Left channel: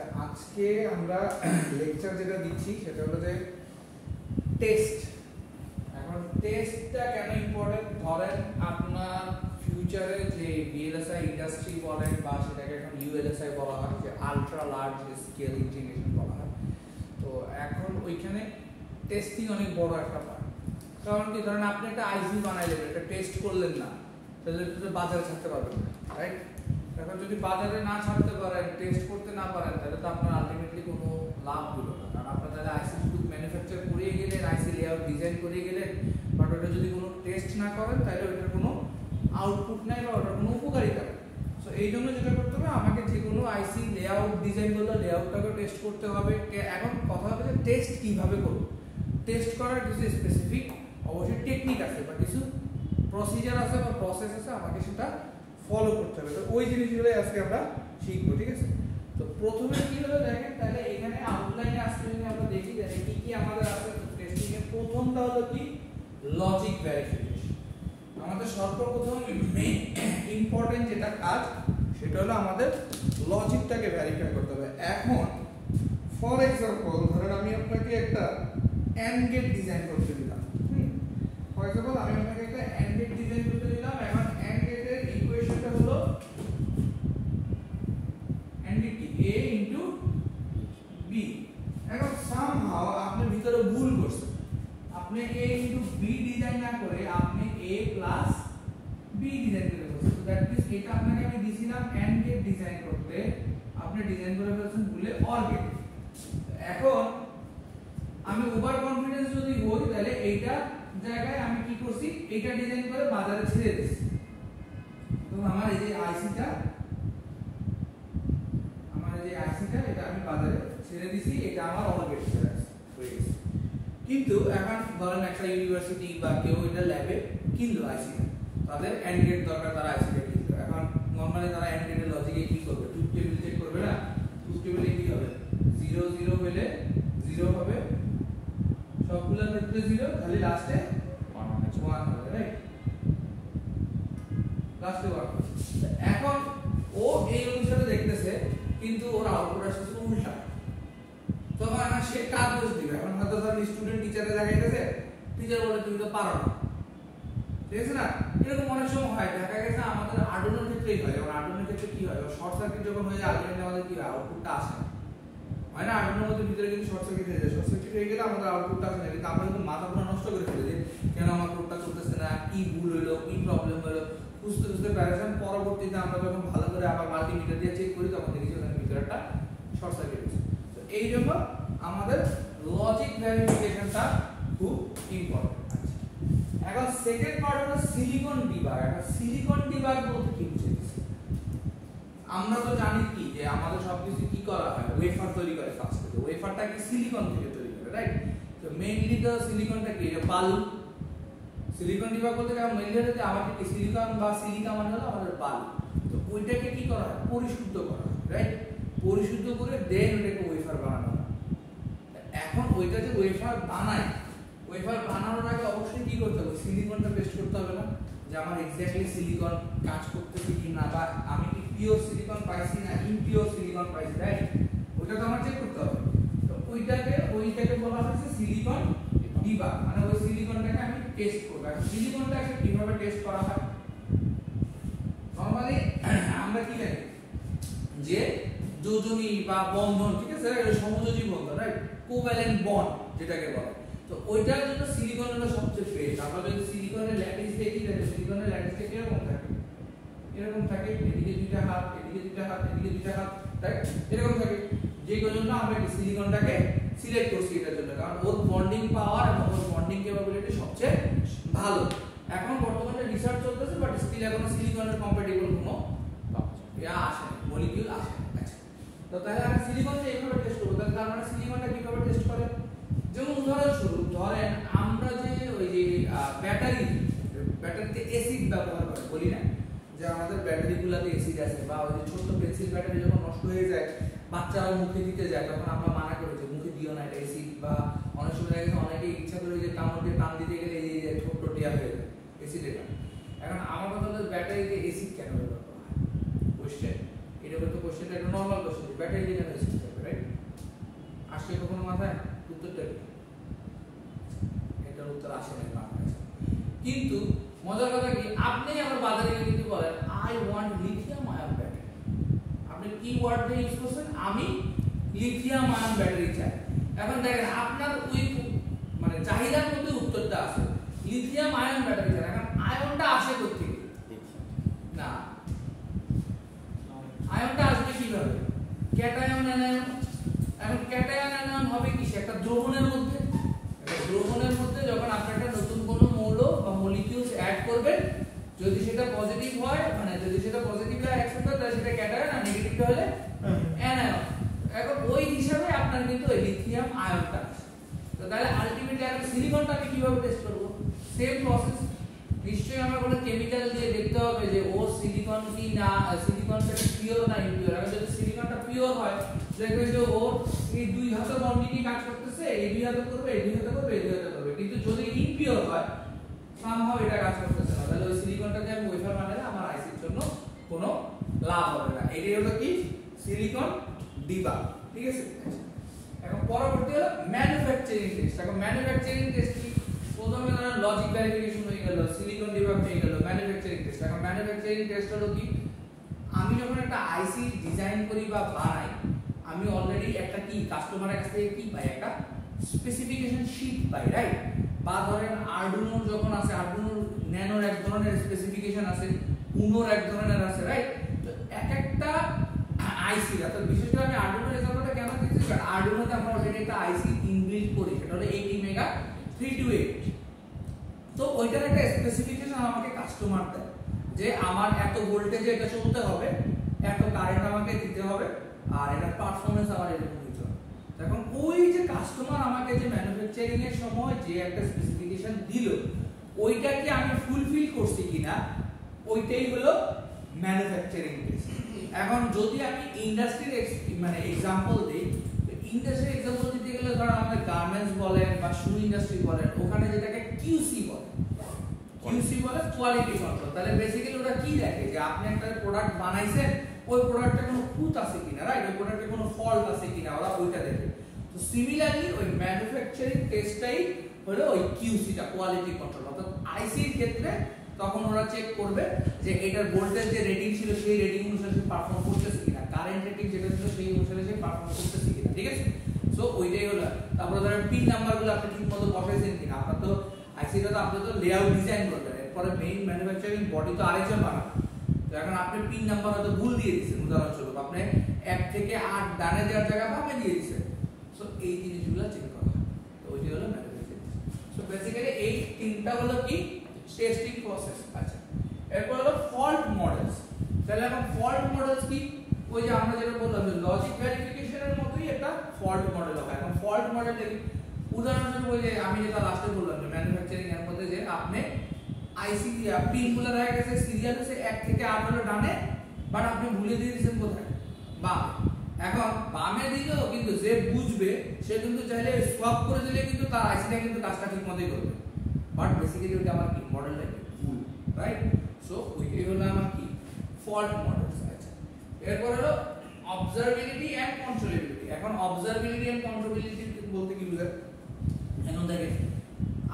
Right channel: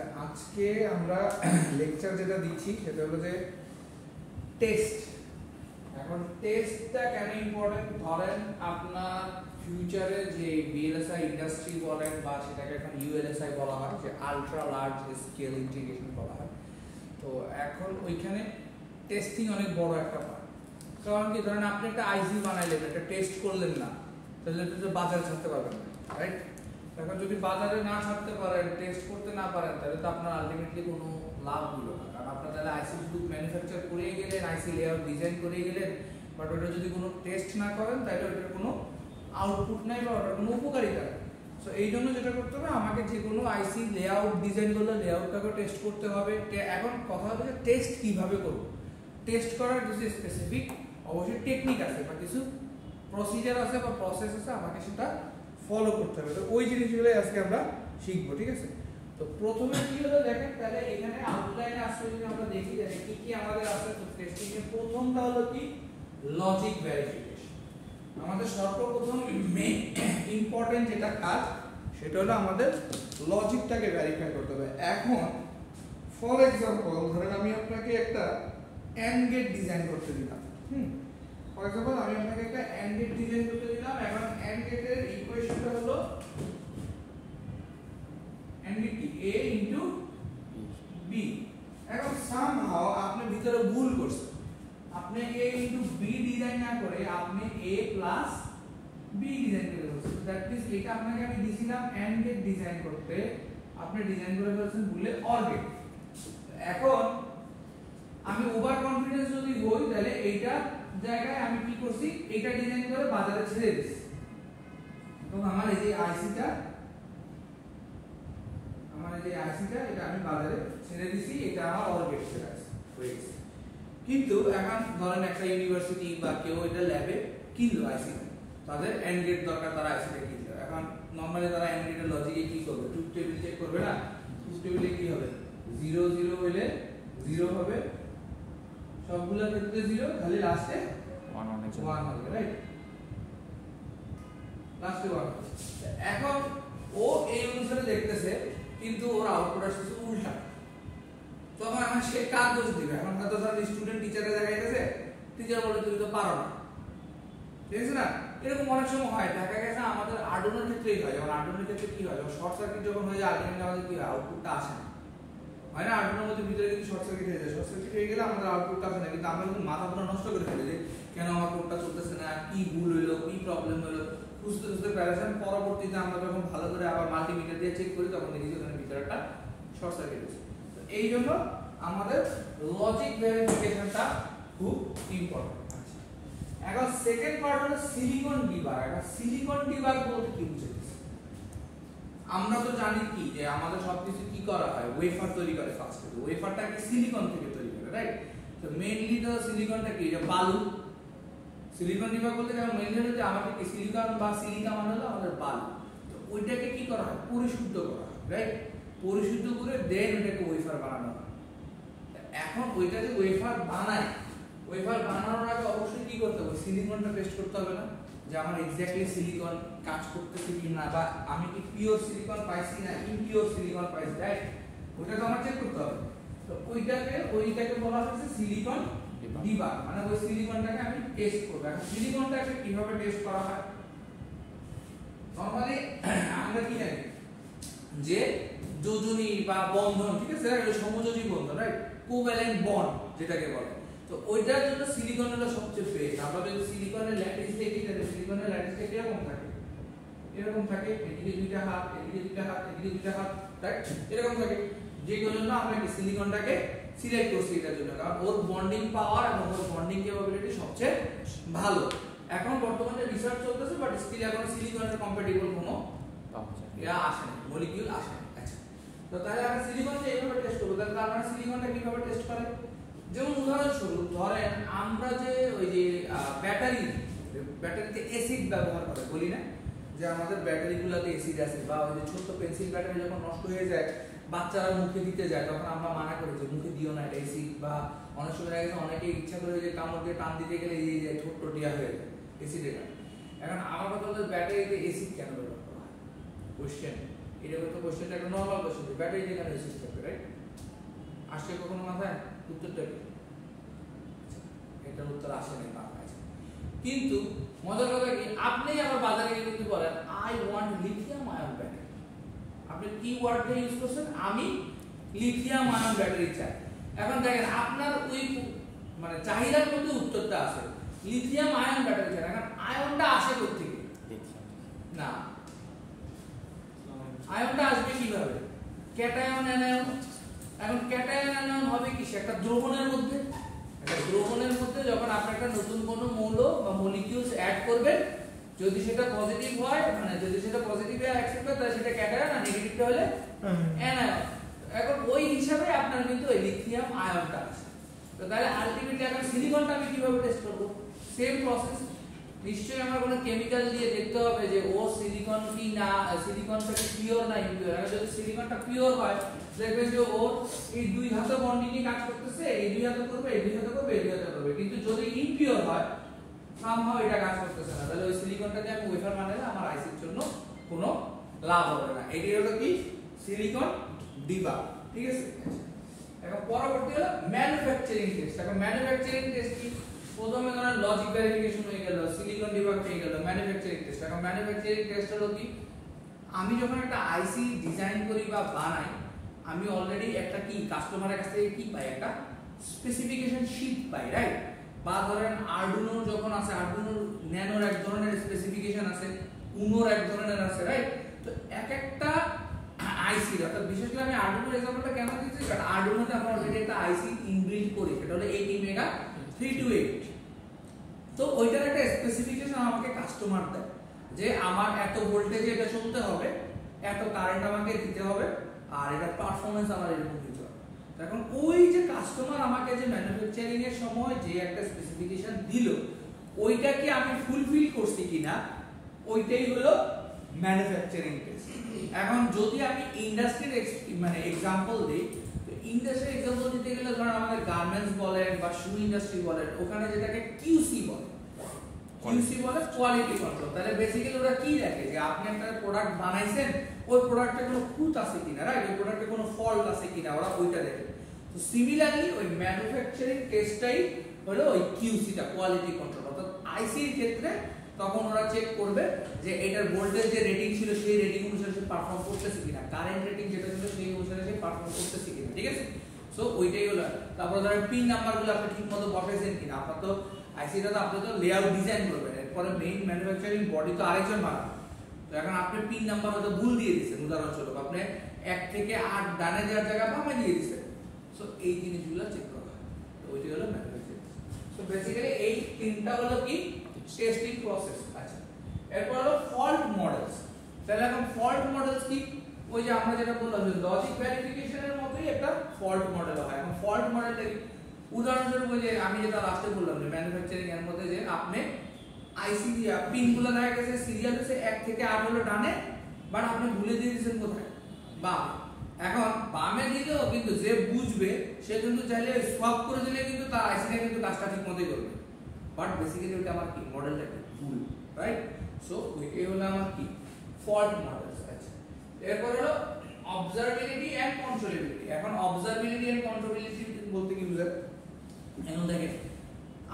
আচ্ছা, আজকে আমরা লেকচার যেটা দিচ্ছি সেটা হলো যে টেস্ট। এখন টেস্টটা কেন ইম্পর্টেন্ট, ধরেন আপনার ফিউচারে যে ভিএলএসআই ইন্ডাস্ট্রি বলেন বা সেটাকে এখন ইউএলএসআই বলা হয়, যে আলট্রা লার্জ স্কেল ইন্টিগ্রেশন বলা হয়, তো এখন ওইখানে টেস্টিং অনেক বড় একটা পার্ট। কারণ কি, ধরেন আপনি একটা আইসি বানাইলেন, একটা টেস্ট করলেন না, তাহলে তো বাজারে ছাড়তে পারবেন না, রাইট? এখন যদি বাজারে না ছাড়তে পারেন, টেস্ট করতে না পারেন, তাহলে তো আপনার আলটিমেটলি কোনো লাভ হলো না। কারণ আপনার তাহলে আইসি শুধু ম্যানুফ্যাকচার করিয়ে গেলেন, আইসি লেআউট ডিজাইন করিয়ে গেলেন, বাট ওটা যদি কোনো টেস্ট না করেন তাহলে ওইটার কোনো আউটপুট নাই বা ওটার কোনো উপকারিতা নেই। সো এই জন্য যেটা করতে হবে, আমাকে যে কোনো আইসি লেআউট ডিজাইন করলে লেআউটটাকে টেস্ট করতে হবে। এখন কথা হবে যে টেস্ট কিভাবে করবো। টেস্ট করার কিছু স্পেসিফিক অবশ্যই টেকনিক আছে বা কিছু প্রসিজার আছে বা প্রসেস আছে, আমাকে সেটা ফলো করতে হবে। তো ওই জিনিসগুলোই আজকে আমরা শিখবো, ঠিক আছে? তো প্রথমে কি হলো দেখেন, তাহলে এখানে আউটলাইনে আসলে যদি আমরা দেখি যে কি কি আমাদের আছে টেস্টিং এর, প্রথমটা হলো কি লজিক ভেরিফিকেশন। আমাদের সর্বপ্রথম মেইন ইম্পর্টেন্ট যেটা কাজ সেটা হলো আমাদের লজিকটাকে ভেরিফাই করতে হবে। এখন ফর এক্সাম্পল ধরেন আমি আপনাকে একটা এন্ড গেট ডিজাইন করতে দিলাম, ফর এক্সাম্পল আমি আপনাকে একটা এন্ড গেট ডিজাইন করতে দিলাম। এখন এন্ড গেটের ইকুয়েশনটা হলো এন্ড গেট কি a ইনটু b। এখন সামহাউ আপনি ভিতরে ভুল করছেন, আপনি a ইনটু b ডিজাইন না করে আপনি a প্লাস b ডিজাইন করে ফেলছেন। দ্যাট মিন্স এটা আপনাকে আমি দিছিলাম এন্ড গেট ডিজাইন করতে, আপনি ডিজাইন করে ফেলছেন ভুলে অর গেট। এখন আমি ওভার কনফিডেন্স যদি হই, তাহলে এইটা জায়গায় আমি কি করছি, এটা ডিজাইন করে বাজারে ছেড়ে দিছি। তো আমার এই যে আইসিটা এটা আমি বাজারে ছেড়ে দিছি, এটা আমার অর্গেট হয়ে গেছে। কিন্তু এখন ধরেন একটা ইউনিভার্সিটি বা কেউ এটা ল্যাবে কিনলো আইসিটা, তাদের এন্ড গেট দরকার, তারা আইসিটা কিনলো। এখন নরমালি তারা এন্ড গেটের লজিকে কি করবে, ট্রুথ টেবিল চেক করবে না? ট্রুথ টেবিলে কি হবে, 0 0 হলে 0 হবে, সবগুলোর ক্ষেত্রে 0, খালি লাস্টে 1 হবে, রাইট? লাস্টে 1। এখন ও এই অনুসারে দেখতেছে, কিন্তু ওর আউটপুট আসছে উল্টা। তখন এখন সে কাজ দোষ দিবে। এখন হয়তো ধর স্টুডেন্ট টিচারে দেখাইতেছে, টিচার বলে তুমি তো পারো না, ঠিক আছে না? এরকম অনেক সময় হয়, দেখা গেছে আমাদের আর্ডুনোর ক্ষেত্রেই হয়। যেমন আর্ডুনোর ক্ষেত্রে কি হয়, শর্ট সার্কিট যখন হয়ে যায় আলটিমেটলি আমাদের কি হয়, আউটপুটটা আসে না, হয় না? আর্ডুনোর মধ্যে ভিতরে কিন্তু শর্ট সার্কিট হয়ে যায়। শর্ট সার্কিট হয়ে গেলে আমাদের আউটপুটটা আসে না, কিন্তু আমরা কিন্তু মাথা পুরো নষ্ট করে ফেলি যে কেন আমার কোডটা চলতেছে না, কি ভুল হইলো, কি প্রবলেম হলো, খুঁজতে খুঁজতে প্যারাসান। পরবর্তীতে আমরা যখন ভালো করে আবার মাল্টিমিটার দিয়ে চেক করি, তখন দেখি যে ওখানে ভিতরে একটা শর্ট সার্কিট হয়েছে। তো এই জন্য আমাদের লজিক ভেরিফিকেশনটা খুব ইম্পর্টেন্ট আছে। এখন সেকেন্ড পার্ট হলো সিলিকন ডিবাগ। এখন সিলিকন ডিবাগ বলতে কি বুঝাইছে? আমরা তো জানি কি যে আমাদের সবকিছু কি করা হয়, ওয়েফার তৈরি করে ফার্স্টে। তো ওয়েফারটা কি সিলিকন থেকে তৈরি করে, রাইট? তো মেইনলি তো সিলিকনটা কি, যে বালু। সিলিকন ডিবাগ বলতে কি মেইনলি হলো যে আমাদের কি সিলিকন বা সিলিকা মানে হলো আমাদের বালু। তো ওইটাকে কি করা হয়, পরিশুদ্ধ করা হয়, রাইট? পরিশুদ্ধ করে দেন ওইটাকে ওয়েফার বানানো হয়। এখন ওইটা যে ওয়েফার বানায়, ওয়েফার বানানোর আগে অবশ্যই কি করতে হবে, সিলিকনটা টেস্ট করতে হবে না, যে আমার এক্স্যাক্টলি সিলিকন কাজ করতেছে কি না, বা আমি কি পিওর সিলিকন পাইছি না ইমপিওর সিলিকন পাইছি, রাইট? ওইটা তো আমার চেক করতে হবে। তো ওইটাকে বলা হচ্ছে সিলিকন ডিবাগ, মানে ওই সিলিকনটাকে আমি টেস্ট করব। এখন সিলিকনটাকে কিভাবে টেস্ট করা হয়, নরমালি আমরা কি জানি যে যোজনী বা বন্ধন, ঠিক আছে, সমযোজী বন্ধন, রাইট? কোভ্যালেন্ট বন্ড যেটাকে বলে। তো ওইটার জন্য সিলিকন হলো সবচেয়ে বেস্ট। আমরা যদি সিলিকনের ল্যাটিস দেখি, তাহলে সিলিকনের ল্যাটিসটা কিরকম থাকে, এরকম থাকে, এদিকে দুইটা হাত, এদিকে দুইটা হাত, এদিকে দুইটা হাত, রাইট? এরকম থাকে। যে জন্য আমরা কি সিলিকনটাকে সিলেক্ট করছি এটার জন্য, কারণ ওর বন্ডিং পাওয়ার এবং ওর বন্ডিং ক্যাপাবিলিটি সবচেয়ে ভালো। এখন বর্তমানে রিসার্চ চলতেছে, বাট স্টিল এখন সিলিকনের কম্প্যাটিবল কোনো আসেনি, মলিকিউল আসেনি। আচ্ছা, তো তাহলে আমরা সিলিকনকে এইভাবে টেস্ট করব। তাহলে তার মানে সিলিকনটা কিভাবে টেস্ট করে, যেমন উদাহরণস্বরূপ ধরেন আমরা যে ওই যে ব্যাটারিতে অ্যাসিড ব্যবহার করে, বলি না যে আমাদের ব্যাটারিগুলোতে অ্যাসিড আছে, বা ওই যে ছোট্ট পেন্সিল ব্যাটারি যখন নষ্ট হয়ে যায়, বাচ্চারা মুখে দিতে যায়, তখন আমরা মানা করি যে মুখে দিও না, এটা অ্যাসিড। বা অনেক সময় দেখা গেছে অনেকে ইচ্ছা করে যে কামড় দিয়ে টান দিতে গেলে এই যে ঠোঁট টিয়া হয়ে যায় অ্যাসিডের। এখন আমার কথা হলো ব্যাটারিতে অ্যাসিড কেন ব্যবহার করা হয়, কোশ্চেন। এরকম তো কোশ্চেনটা একটা নর্মাল কোশ্চেন, ব্যাটারিতে কেন অ্যাসিড থাকবে, আসছে কখনো মাথায়? উত্তরটা কি? এটার উত্তর আসে নাই মাথায়। কিন্তু মজার কথা কি, আপনি আবার বাজারে গিয়ে যদি বলেন I want lithium ion battery, আপনি কি ওয়ার্ডটা ইউজ করছেন? আমি লিথিয়াম আয়ন ব্যাটারি চাই। এখন দেখেন আপনার ওই মানে চাহিদার মধ্যে উত্তরটা আছে লিথিয়াম আয়ন ব্যাটারি চাই। এখন আয়নটা আসে কোথা থেকে? না, আয়নটা আসবে কিভাবে? Cation anion. এখন ক্যাটায়ন অ্যানায়ন হবে কি? একটা দ্রবণের মধ্যে, একটা দ্রবণের মধ্যে যখন আপনি একটা নতুন কোনো মৌল বা মলিকিউলস অ্যাড করবেন, যদি সেটা পজিটিভ হয়, মানে যদি সেটা পজিটিভ হয় অ্যাকসেপ্ট হয়, তাহলে সেটা ক্যাটায়ন, আর নেগেটিভটা হলে অ্যানায়ন। এখন ওই হিসাবে আপনার কিন্তু ওই লিথিয়াম আয়নটা আছে। তো তাহলে আলটিমেটলি এখন সিলিকনটা আমি কিভাবে টেস্ট করব? Same process. নিশ্চয়ই আমরা কোনো কেমিক্যাল দিয়ে দেখতে হবে যে ও সিলিকন কি না, সিলিকনটা কি পিওর না ইমপিওর। আর যদি সিলিকনটা পিওর হয়, দেখবেন যে ও এই দুই হাতে বন্ড নিয়ে কাজ করতেছে, এই দুই হাতে করবে, এই দুই হাতে করবে, এই দুই হাতে করবে। কিন্তু যদি ইমপিওর হয়, সামহাও এটা কাজ করতেছে না, তাহলে ওই সিলিকনটাকে আমি ওয়েফার বানালে আমার আইসির জন্য কোনো লাভ হবে না। এটাই হলো কি সিলিকন ডিবাগ। ঠিক আছে, এখন পরবর্তী হলো ম্যানুফ্যাকচারিং টেস্ট। এখন ম্যানুফ্যাকচারিং টেস্ট কি? প্রথমে ধরেন লজিক ভেরিফিকেশন হয়ে গেল, সিলিকন ডিবাগ হয়ে গেল, ম্যানুফ্যাকচারিং টেস্ট। এখন ম্যানুফ্যাকচারিং টেস্ট হলো কি? আমি যখন একটা আইসি ডিজাইন করি বা বানাই, আমি অলরেডি একটা কি কাস্টমারের কাছ থেকে কি পাই? একটা স্পেসিফিকেশন শীট পাই, রাইট? বা ধরেন আরডুইনোর যখন আছে, আরডুইনোর ন্যানোর এক ধরনের স্পেসিফিকেশন আছে, উনোর এক ধরনের আছে, রাইট? তো এক একটা আইসি, অর্থাৎ বিশেষ করে আমি আরডুইনোর এক্সাম্পলটা কেন দিচ্ছি, কারণ আরডুইনোতে আমরা অলরেডি একটা আইসি ইনবিল্ড করি, সেটা হলো 80 মেগা 328। তো ওইটার একটা স্পেসিফিকেশন আমাকে কাস্টমার দেয় যে আমার এত ভোল্টেজে এটা চলতে হবে, এত কারেন্ট আমাকে দিতে হবে, আর এটার পারফরম্যান্স আমার এরকম দিতে হবে। এখন ওই যে কাস্টমার আমাকে যে ম্যানুফ্যাকচারিং এর সময় যে একটা স্পেসিফিকেশন দিল, ওইটা কি আমি ফুলফিল করছি কিনা, ওইটাই হলো ম্যানুফ্যাকচারিং টেস্ট। এখন যদি আমি ইন্ডাস্ট্রির মানে এক্সাম্পল দিই, ইন্ডাস্ট্রির এক্সাম্পল দিতে গেলে ধরেন আমাদের গার্মেন্টস বলেন বা শু ইন্ডাস্ট্রি বলেন, ওখানে যেটাকে কিউসি বলে, কিউসি বলে কোয়ালিটি কন্ট্রোল। তাহলে বেসিক্যালি ওরা কি দেখে যে আপনি একটা প্রোডাক্ট বানাইছেন, ওই প্রোডাক্টে কোনো খুঁত আছে কিনা, রাইট? ওই প্রোডাক্টে কোনো ফল্ট আছে কিনা, ওরা ওইটা দেখে। তো সিমিলারলি ওই ম্যানুফ্যাকচারিং টেস্টটাই হলো ওই কিউসিটা, কোয়ালিটি কন্ট্রোল। অর্থাৎ আইসির ক্ষেত্রে তখন ওরা চেক করবে যে এটার ভোল্টেজ যে রেটিং ছিল সেই রেটিং অনুসারে সে পারফর্ম করতেছে কিনা, কারেন্ট রেটিং যেটা ছিল সেই অনুসারে সে পারফর্ম করতেছে কিনা। ঠিক আছে, সো ওইটাই হলো। তারপরে ধরেন পিন নাম্বারগুলো আপনি ঠিকমতো বসাইছেন কিনা। আপনার তো আইসিটা তো আপনি তো লেআউট ডিজাইন করবেন, এরপরে মেইন ম্যানুফ্যাকচারিং বডি তো আরেকজন বানাবে। তো এখন আপনি পিন নাম্বার হয়তো ভুল দিয়ে দিচ্ছেন, উদাহরণস্বরূপ আপনি 1 থেকে 8 ডানে দেওয়ার জায়গায় বামে দিয়ে দিচ্ছেন। সো এই জিনিসগুলো চেক করা হয়। তো ওইটাই হলো ম্যানুফ্যাকচারিং। সো বেসিক্যালি এই তিনটা হলো কি টেস্টিং প্রসেস। আচ্ছা, এরপর হলো ফল্ট মডেলস। তাহলে এখন ফল্ট মডেলস কি? ওই যে আমরা যেটা বললাম যে লজিক ভেরিফিকেশনের মতোই একটা ফল্ট মডেল হয়। এখন ফল্ট মডেল উদাহরণস্বরূপ ওই যে আমি যেটা লাস্টে বললাম যে ম্যানুফ্যাকচারিং এর মধ্যে যে আপনি আইসি দিয়া পিনগুলো দেখা গেছে সিরিয়াল হচ্ছে 1 থেকে 8 হলো ডানে, বাট আপনি ভুলে দিয়ে দিয়েছেন কোথায়? বামে। এখন বামে দিলেও কিন্তু যে বুঝবে সে কিন্তু চাইলে সোয়াপ করে দিলে কিন্তু তার আইসিটা কিন্তু কাজটা ঠিক মতোই করবে। বাট বেসিক্যালি ওটা আমার কি মডেলটা ভুল, রাইট? সো ওইটাই হলো আমার কি ফল্ট মডেলস। আছে এরপর হলো অবজারভেবিলিটি এন্ড কন্ট্রোলেবিলিটি। এখন অবজারভেবিলিটি এন্ড কন্ট্রোলেবিলিটি বলতে কি বোঝায়? এখন দেখেন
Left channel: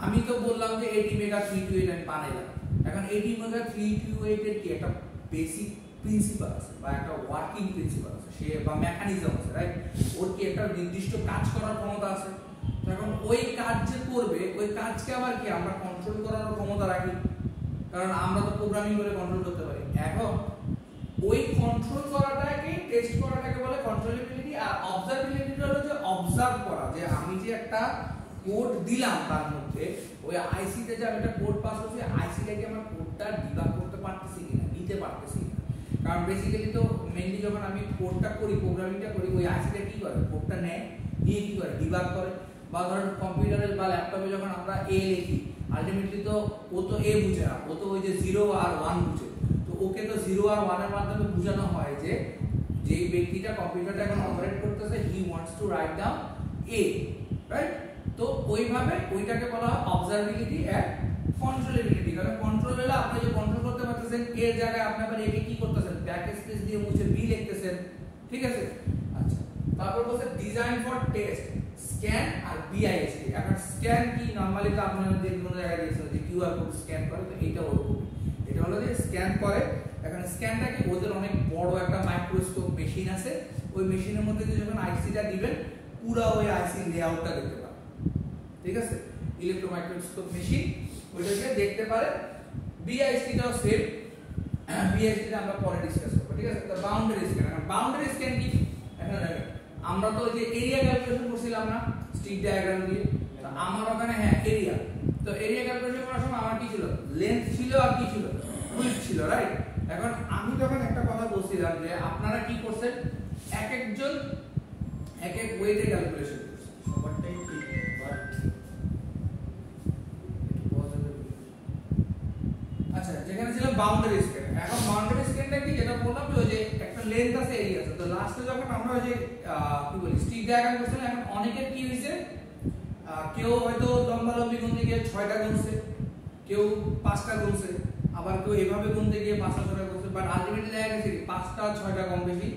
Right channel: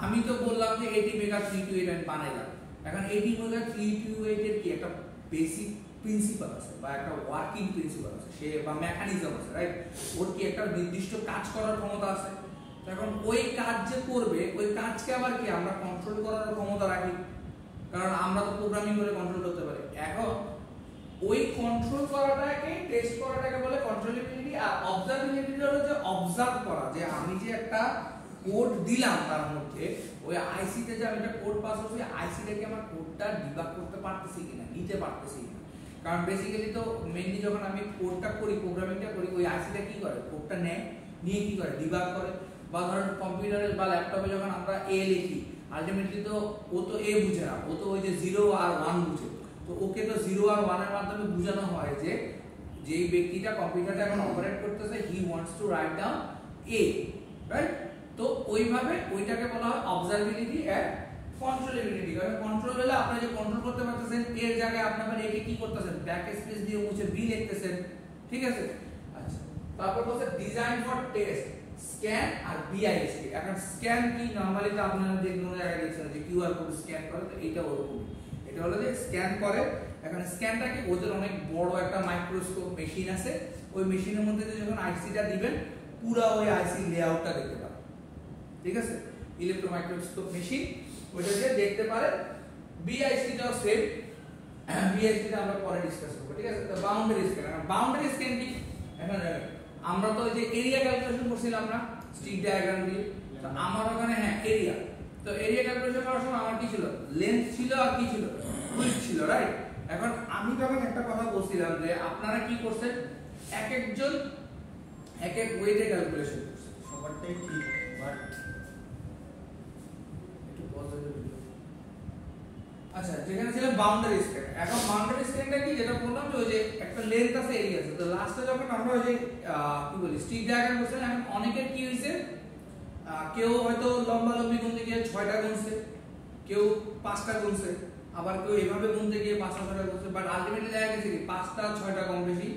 আমি তো বললাম যে 80 মেগা 328 আমি বানাইলাম। এখন 80 মেগা 328 এর কি একটা বেসিক প্রিন্সিপাল আছে বা একটা ওয়ার্কিং প্রিন্সিপাল আছে, সে বা মেকানিজম আছে, রাইট? ওর কি একটা নির্দিষ্ট কাজ করার ক্ষমতা আছে। এখন ওই কাজ যে করবে, ওই কাজকে আবার কি আমরা কন্ট্রোল করার ক্ষমতা রাখি, কারণ আমরা তো প্রোগ্রামিং করে কন্ট্রোল করতে পারি। এখন ওই কন্ট্রোল করাটাকে টেস্ট করাটাকে বলে কন্ট্রোলেবিলিটি। আর অবজারভেবিলিটি হলো যে অবজার্ভ করা, যে আমি যে একটা কোড দিলাম তার মধ্যে ওই আইসিতে যে আমি একটা কোড পাস করছি, আইসিটাকে আমার কোডটা ডিবাগ করতে পারতেছি কিনা, নিতে পারতেছি কিনা। কারণ বেসিক্যালি তো মেইনলি যখন আমি কোডটা করি, প্রোগ্রামিংটা করি, ওই আইসিটা কি করে, কোডটা নেয়, নিয়ে কি করে ডিবাগ করে। বা ধরেন কম্পিউটারে বা ল্যাপটপে যখন আমরা এ লিখি, আলটিমেটলি তো ও তো এ বুঝে না, ও তো ওই যে 0 আর 1 বুঝে। তো ওকে তো 0 আর 1 এর মাধ্যমে বোঝানো হয় যে যেই ব্যক্তিটা কম্পিউটারটা এখন অপারেট করতেছে, he wants to write down A, right? তো ওইভাবে ওইটাকে বলা হয় অবজারভেবিলিটি এন্ড কন্ট্রোলেবিলিটি। কারণ কন্ট্রোল হলে আপনি যে কন্ট্রোল করতে পারতেছেন, এর জায়গায় আপনি আবার একে কি করতেছেন, ব্যাক স্পেস দিয়ে মুছে বি লিখতেছেন। ঠিক আছে, আচ্ছা তারপর বলছে ডিজাইন ফর টেস্ট স্ক্যান আর বিআইএসটি। এখন স্ক্যান কি নরমালি তো আপনারা যে কোনো জায়গায় দেখছেন যে কিউআর কোড স্ক্যান করে, তো এইটা ওরকম, এটা হলো যে স্ক্যান করে। এখন স্ক্যানটা কি ওদের অনেক বড় একটা মাইক্রোস্কোপ মেশিন আছে, ওই মেশিনের মধ্যে যখন আইসিটা দিবেন পুরো ওই আইসি লেআউটটা দেখতে পারে, ঠিক আছে, ইলেকট্রো মাইক্রোস্কোপ মেশিন ওইটাকে দেখতে পারে। বিআইএসটিটাও সেম, বিআইএসটিটা আমরা পরে ডিসকাস করব, ঠিক আছে। তো বাউন্ডারি স্ক্যান, এখন বাউন্ডারি স্ক্যান কি, এখন দেখেন আমরা তো যে এরিয়া ক্যালকুলেশন করছিলাম না স্টিক ডায়াগ্রাম দিয়ে, তো আমার ওখানে হ্যাঁ এরিয়া, তো এরিয়া ক্যালকুলেশন করার সময় আমার কি ছিল, লেন্থ ছিল আর কি ছিল, উইডথ ছিল, রাইট। এখন আমি তখন একটা কথা বলছিলাম যে আপনারা কি করছেন, এক একজন এক এক ওয়েতে ক্যালকুলেশন করছেন, সবারটাই ঠিক, বাট একটু পজিটিভ। আচ্ছা, যেখানে ছিল বাউন্ডারি স্ক্যান, এখন বাউন্ডারি স্ক্যানটা কি, যেটা বললাম যে ওই যে একটা লেন্থ আছে, এরিয়া আছে, তো লাস্টে যখন আমরা ওই যে কি বলি স্টিক ডায়াগ্রাম করছিলাম, এখন অনেকের কি হইছে, কেউ হয়তো লম্বালম্বি গুনতে গিয়ে 6টা গুনছে, কেউ 5টা গুনছে, আবার কেউ এভাবে গুনতে গিয়ে 5টা 6টা গুনছে, বাট আলটিমেটলি দেখা গেছে কি 5টা 6টা কম বেশি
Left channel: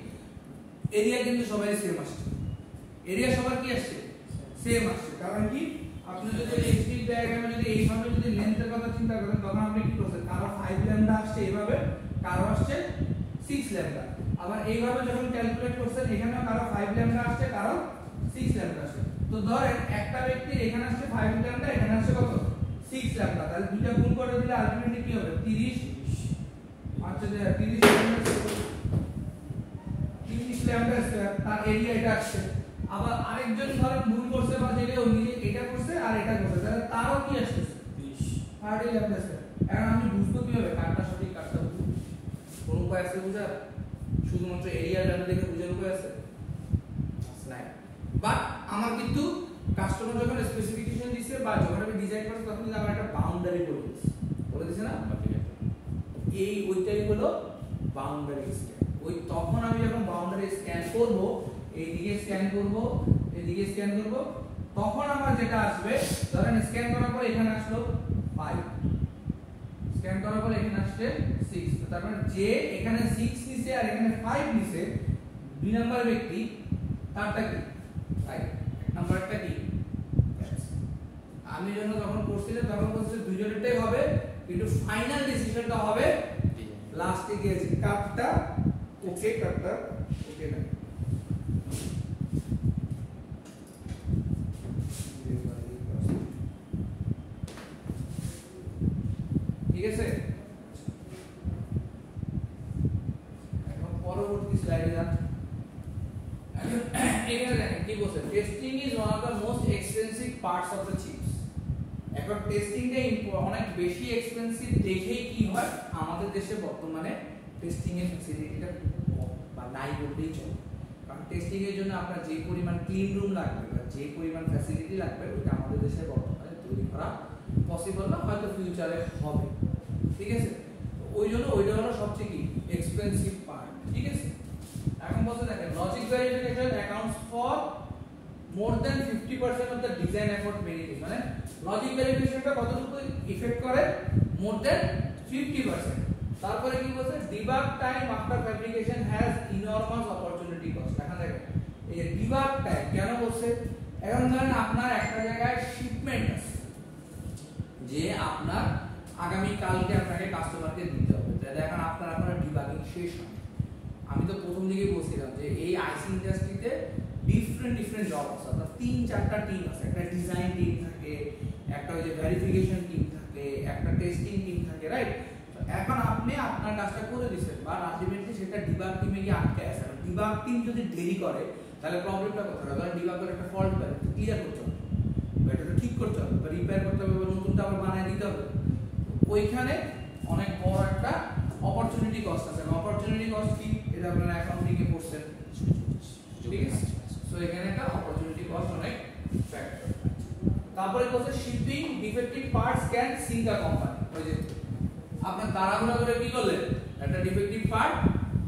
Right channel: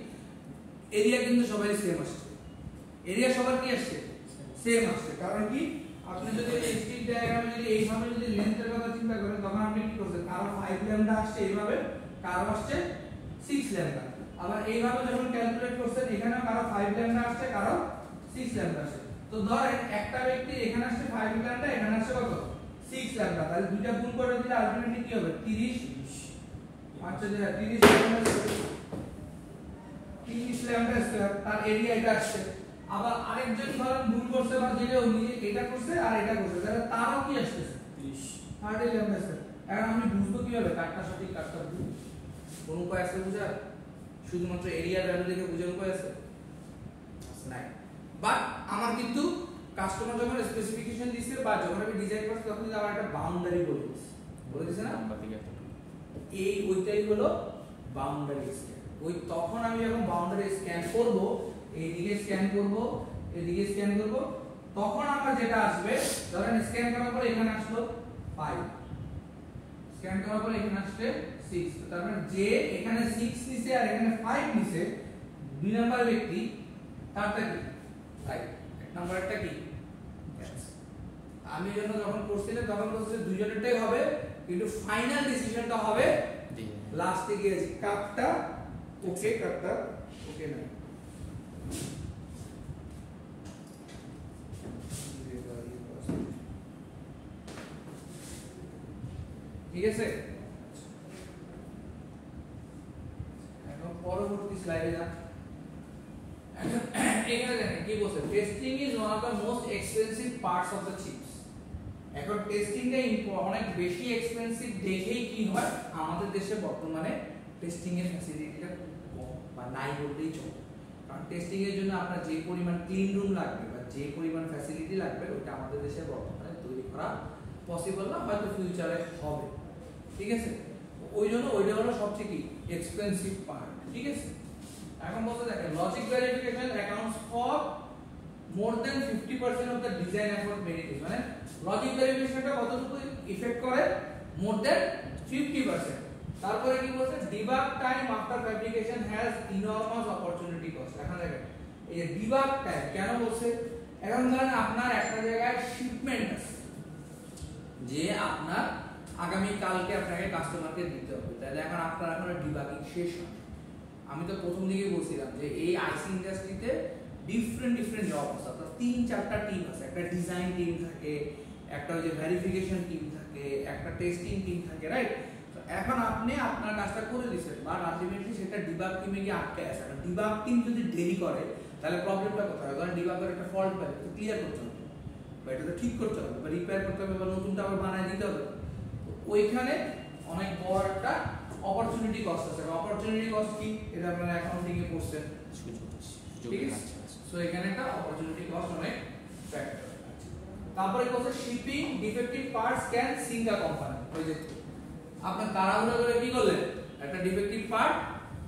এরিয়া কিন্তু সবাই সেম আসছে, এরিয়া সবার কি আসছে, সেম আসছে। কারণ কি, আপনি যদি এই স্টিক ডায়াগ্রামে যদি এইভাবে যদি লেন্থের কথা চিন্তা করেন, তখন আপনি কি করছেন, কারো 5 ল্যাম্ডা আসছে এইভাবে, কারো আসছে 6 ল্যাম্ডা, আবার এইভাবে যখন ক্যালকুলেট করছেন এখানে কারো 5 ল্যাম্ডা আসছে, কারো 6 ল্যাম্ডা আসছে। তো ধরেন একটা ব্যক্তি এখানে আসছে 5 ল্যাম্ডা, এখানে আসছে কত, 6 ল্যাম্ডা, তাহলে দুইটা গুণ করে দিলে আলটিমেটলি কি হবে, 30, আচ্ছা 30 ল্যাম্ডা, 30 ল্যাম্ডা স্কয়ার, তার এরিয়া এটা আসছে। আবার আরেকজন ধরেন ভুল করছে বা যেটা নিজে এটা করছে আর এটা করছে, তাহলে তারও কি আসছে 30 ল্যাম্ডা স্কয়ার। এখন আমি বুঝবো কিভাবে কারটা সঠিক কারটা ভুল, কোন উপায় আছে বুঝার, শুধুমাত্র এরিয়া ভ্যালু দেখে বুঝার উপায় আছে নাই। বাট আমার কিন্তু কাস্টমার যখন স্পেসিফিকেশন দিছে বা যখন আমি ডিজাইন করছি, তখন কিন্তু আমার একটা বাউন্ডারি বলে দিছে না, এই ওইটাই হলো বাউন্ডারি স্ক্যান। ওই তখন আমি যখন বাউন্ডারি স্ক্যান করব, এইদিকে স্ক্যান করব, এদিকে স্ক্যান করব, তখন আমার যেটা আসবে, ধরেন স্ক্যান করার পর এখানে আসলো 5, স্ক্যান করার পর এখানে আসছে 6, তার মানে যে এখানে 6 নিছে আর এখানে 5 নিছে, দুই নাম্বার ব্যক্তি তারটা কি, রাইট, এক নাম্বারটা কি, আমি যখন করছিলাম তখন বলছে দুইজনেরটাই হবে, কিন্তু ফাইনাল ডিসিশনটা হবে লাস্টে গিয়েছি কাটটা ওকে, কাটটা ওকে না, ঠিক আছে। এখন পরবর্তী স্লাইডে যান। এখানে দেখেন কি বলছে, testing is one of the most expensive parts of the chips. এখন টেস্টিংটা অনেক বেশি এক্সপেন্সিভ দেখেই কি হয়, আমাদের দেশে বর্তমানে টেস্টিং এর ফ্যাসিলিটিটা কম বা নাই বলতেই চলে। কারণ টেস্টিং এর জন্য আপনার যে পরিমাণ ক্লিন রুম লাগবে বা যে পরিমাণ ফ্যাসিলিটি লাগবে, ওটা আমাদের দেশে বর্তমানে তৈরি করা পসিবল না, হয়তো ফিউচারে হবে, ঠিক আছে। ওই জন্য ওইটা হলো সবচেয়ে কি এক্সপেন্সিভ পার্ট, ঠিক আছে। এখন বলতে দেখেন logic verification accounts for more than 50% of the design effort verification, মানে লজিক ভেরিফিকেশনটা কতটুকু ইফেক্ট করে, মোর দ্যান 50%। তারপরে কি বলছে, debug time after fabrication has ইনরমাস opportunity cost. এখন দেখেন এই ডিবাগ টাইম কেন বলছে, এখন ধরেন আপনার একটা জায়গায় শিপমেন্ট আছে, যে আপনার আগামী কালকে আপনাকে কাস্টমারকে দিতে হবে, তাহলে এখন আপনার এখন ডিবাগিং শেষ হয়। আমি তো প্রথম দিকে বলছিলাম যে এই আইসি ইন্ডাস্ট্রিতে ডিফারেন্ট জব আছে, আপনার 3-4টা টিম আছে, একটা ডিজাইন টিম থাকে, একটা ওই যে ভেরিফিকেশন টিম থাকে, একটা টেস্টিং টিম থাকে, রাইট। তো এখন আপনি আপনার কাজটা করে দিয়েছেন, বাট আলটিমেটলি সেটা ডিবাগ টিমে গিয়ে আটকে আছে। আর ডিবাগ টিম যদি দেরি করে, তাহলে প্রবলেমটা কোথায়, কারণ ডিবাগের একটা ফল্ট পায়, তো ক্লিয়ার করতে হবে, বা এটা তো ঠিক করতে হবে, বা রিপেয়ার করতে হবে, বা নতুনটা আবার বানায় দিতে হবে। তো ওইখানে অনেক বড় একটা অপরচুনিটি কস্ট আছে। অপরচুনিটি কস্ট কি, এটা আপনারা অ্যাকাউন্টিং এ পড়ছেন, ঠিক আছে। সো এখানে একটা অপরচুনিটি কস্ট অনেক ফ্যাক্টর। তারপরে বলছে shipping defective parts can sink a company. ওই যে আপনি তাড়াহুড়া করে কি করলেন, একটা ডিফেক্টিভ পার্ট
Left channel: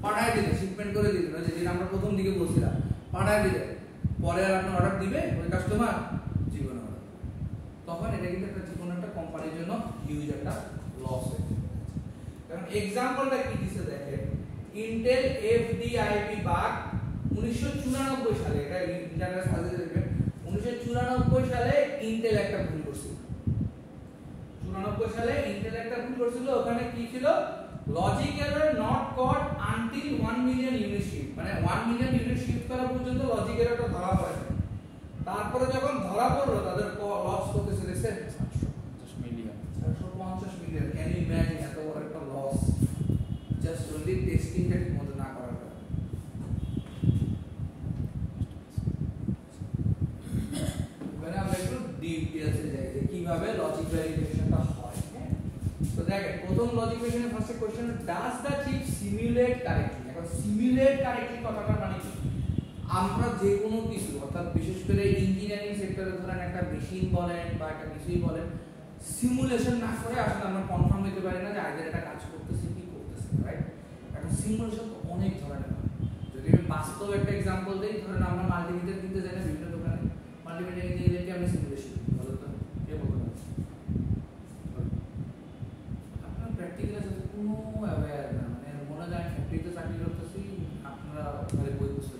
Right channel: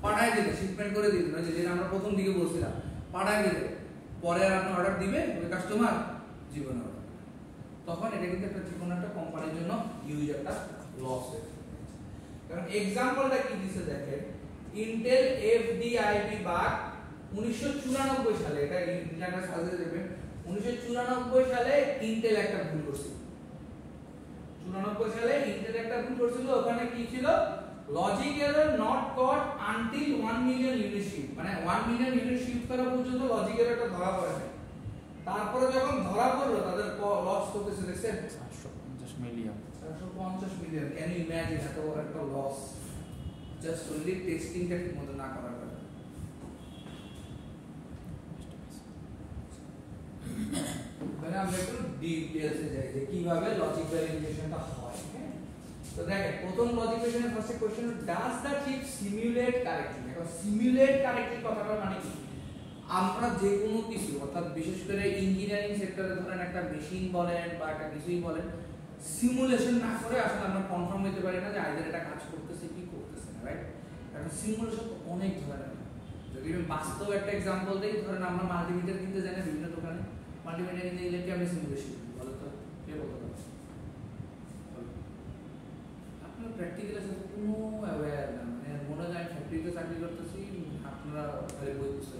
পাঠায় দিলেন, শিপমেন্ট করে দিলেন, ওই যে যেটা আমরা প্রথম দিকে বলছিলাম, পাঠায় দিলেন, পরে আর আপনি অর্ডার দিবে ওই কাস্টমার জীবনে অর্ডার, তখন এটা কিন্তু একটা যে কোনো একটা কোম্পানির জন্য হিউজ একটা লস হয়ে যায়। কারণ এক্সাম্পলটা কি দিছে দেখেন, ইন্টেল FDIP বাগ 1994 সালে, এটা ইন্টারনেট সার্চে দেখবেন, 1994 সালে ইন্টেল একটা ভুল করছিল। 94 সালে ইন্টেল একটা ভুল করছিল, ওখানে কি ছিল, logic error not caught until 1 million unit shift, মানে 1 মিলিয়ন ইউনিট শিফট করা পর্যন্ত লজিক এররটা ধরা পড়েনি। তারপরে যখন ধরা পড়লো তাদের লস করতেছে দেখছেন 450 million. 450 million. Can you imagine এত বড় একটা লস জাস্ট অনলি টেস্টিংটা ঠিকমতো না করার কারণে। মানে আমরা একটু ডিটেইলসে যাই যে কিভাবে লজিক ভেরিফিকেশনটা হয়। তো দেখেন প্রথম লজিক ভেরিফিকেশনের first question, does the chip simulate correctly. এখন সিমুলেট কারেক্টলি কথাটা মানে কি, আমরা যে কোনো কিছু অর্থাৎ বিশেষ করে ইঞ্জিনিয়ারিং সেক্টরে ধরেন একটা মেশিন বলেন বা একটা কিছুই বলেন, সিমুলেশন না করে আসলে আমরা কনফার্ম হতে পারি না যে আইদার এটা কাজ করতেছে কি করতেছে না, রাইট। এখন সিমুলেশন তো অনেক ধরনের। যদি আমি বাস্তব একটা एग्जांपल দেই, ধরেন আমরা মাল্টিমিটার কিনতে যাই না বিভিন্ন দোকানে, মাল্টিমিটার কিনতে গেলে কি আমরা সিমুলেশন বলো তো, কে বলতে পারবে? আপনারা প্র্যাকটিক্যালি সাথে কোনো অ্যাওয়্যার না, মানে মনে হয় ফ্যাক্টরিতে চাকরি করতেছি, আপনারা খালি বই পুস্তক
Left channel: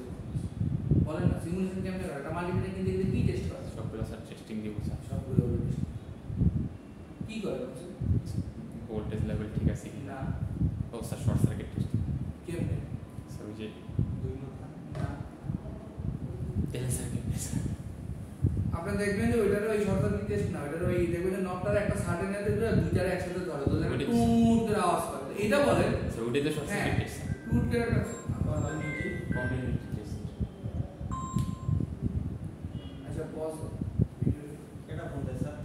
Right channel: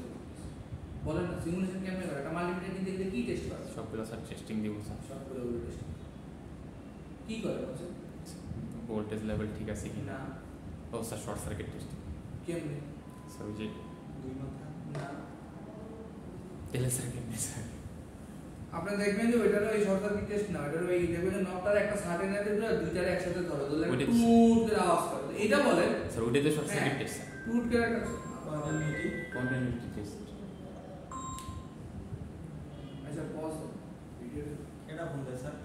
বলেন না সিমুলেশন কেমনে করে। একটা মাল্টিমিটার কিনতে গেলে কি টেস্ট করে? সবগুলো স্যার টেস্টিং দিব স্যার, সবগুলো টেস্ট কি করে বলছেন? ভোল্টেজ লেভেল ঠিক আছে কি না, ও স্যার শর্ট সার্কিট টেস্ট কেমনে? স্যার ওই যে দুই মাথা না, তেলে সার্কিট স্যার আপনি দেখবেন যে ওইটার ওই শর্ট সার্কিট টেস্ট না, ওইটার ওই দেখবেন যে নবটার একটা সার্টেন এতে ধরে দুইটারে একসাথে ধরে ধরলে একটা টুট করে আওয়াজ করে, এটা বলেন স্যার ওইটাতে শর্ট সার্কিট টেস্ট স্যার, টুট করে একটা কন্টিনিউটি টেস্ট। আচ্ছা পজ এটা বলতে স্যার।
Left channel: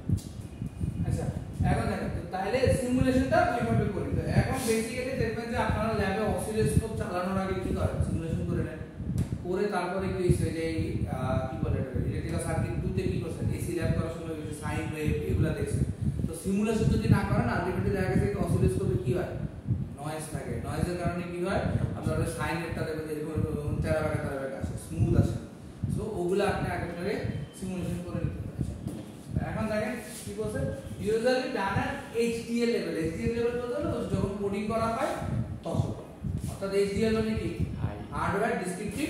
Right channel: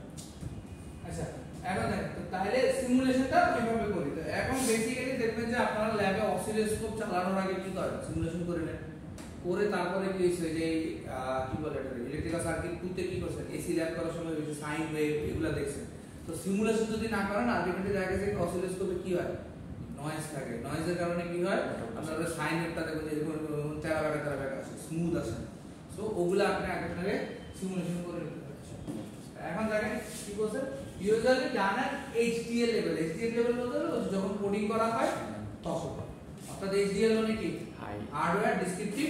আচ্ছা এখন দেখেন তো তাহলে সিমুলেশনটা কিভাবে করি। তো এখন বেসিক্যালি দেখবেন যে আপনারা ল্যাবে অসিলোস্কোপ চালানোর আগে কি করে সিমুলেশন করে নেন, করে তারপরে কি হইছে যে কি বলে এটা ইলেকট্রিক্যাল সার্কিট দুতে কি করছেন, এসি ল্যাব করার সময় হইছে সাইন ওয়েভ এগুলা দেখছেন। তো সিমুলেশন যদি না করেন আলটিমেটলি দেখা গেছে কি অসিলোস্কোপে কি হয়, নয়েজ থাকে, নয়েজের কারণে কি হয় আপনারা সাইন ওয়েভটা দেখবেন যে এরকম তেরা বেকা আসে, স্মুথ আসে। সো ওগুলা আপনি আগে থেকে সিমুলেশন করে নিতে পারেন। এখন দেখেন কি বলছে, ইউজুয়ালি ডান এট এইচডিএল লেভেল। এইচডিএল লেভেল বলতে যখন কোডিং করা হয় তখন, অর্থাৎ এইচডিএল মানে কি, হার্ডওয়্যার ডেসক্রিপটিভ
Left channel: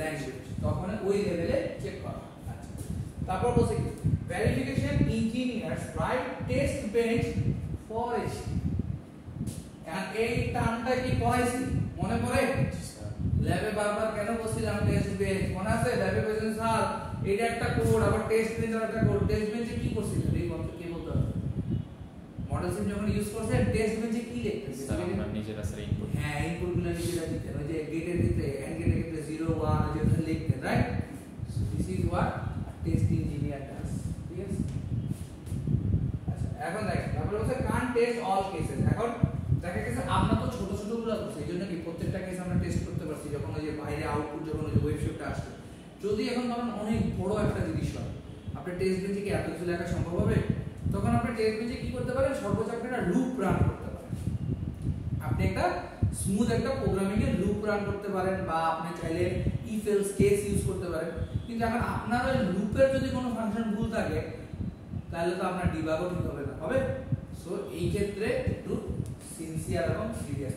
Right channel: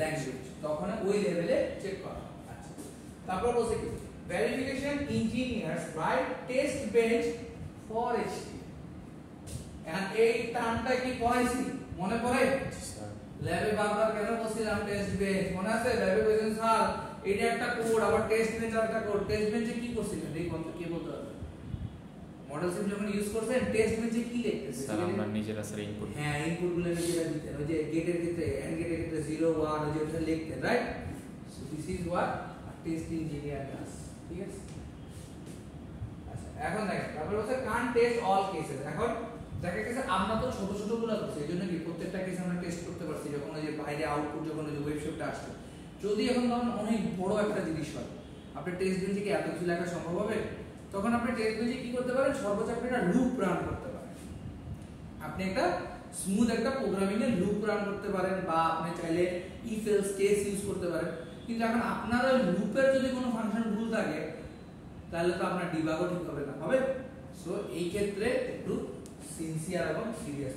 ল্যাঙ্গুয়েজ, তখন ওই লেভেলে চেক করা। আচ্ছা তারপর বলছে কি, verification engineers write test bench for HD. And এই টার্মটা কি পড়াইছি মনে পড়ে? ল্যাবে বারবার কেন বলছিলাম টেস্ট বেঞ্চ, মনে আছে? ল্যাবে বলছেন স্যার এটা একটা কোড, আবার টেস্ট বেঞ্চ আর একটা কোড। টেস্ট বেঞ্চে কি করছিলেন এই কথা কে বলতে পারবে? মডেল সিম যখন ইউজ করছেন টেস্ট বেঞ্চে কি লিখতেন? স্যার আমরা নিজেরা স্যার ইনপুট, হ্যাঁ ইনপুটগুলো নিজেরা দিতেন, ওই যে গেটের ক্ষেত্রে এন্ড গেটের ক্ষেত্রে 0 1 ওই যে ওটা লিখতেন, right? So this is what test engineer does, ঠিক আছে? আচ্ছা এখন দেখেন তারপরে বলছে কান টেস্ট অল কেসেস। এখন দেখা গেছে আমরা তো ছোট ছোট গুলো করছি, এইজন্য কি প্রত্যেকটা কেস আমরা টেস্ট করতে পারছি। যখন ওই যে বাইরে আউটপুট যখন ওই যে ওয়েবসাইটটা আসছে, যদি এখন ধরুন অনেক বড় একটা জিনিস হয়, আপনি টেস্ট বেঞ্চে কি এত কিছু লেখা সম্ভব হবে? তখন আপনি টেস্ট বেঞ্চে কি করতে পারেন, সর্বোচ্চ আপনি একটা লুপ রান করতে পারেন। আপনি একটা স্মুথ একটা প্রোগ্রামিং এর লুপ রান করতে পারেন, বা আপনি চাইলে ইফ এলস কেস ইউজ করতে পারেন। কিন্তু এখন আপনার ওই লুপের যদি কোনো ফাংশন ভুল থাকে তাহলে তো আপনার ডিবাগও ঠিক হবে না, হবে? সো এই ক্ষেত্রে একটু সিনসিয়ার এবং সিরিয়াস।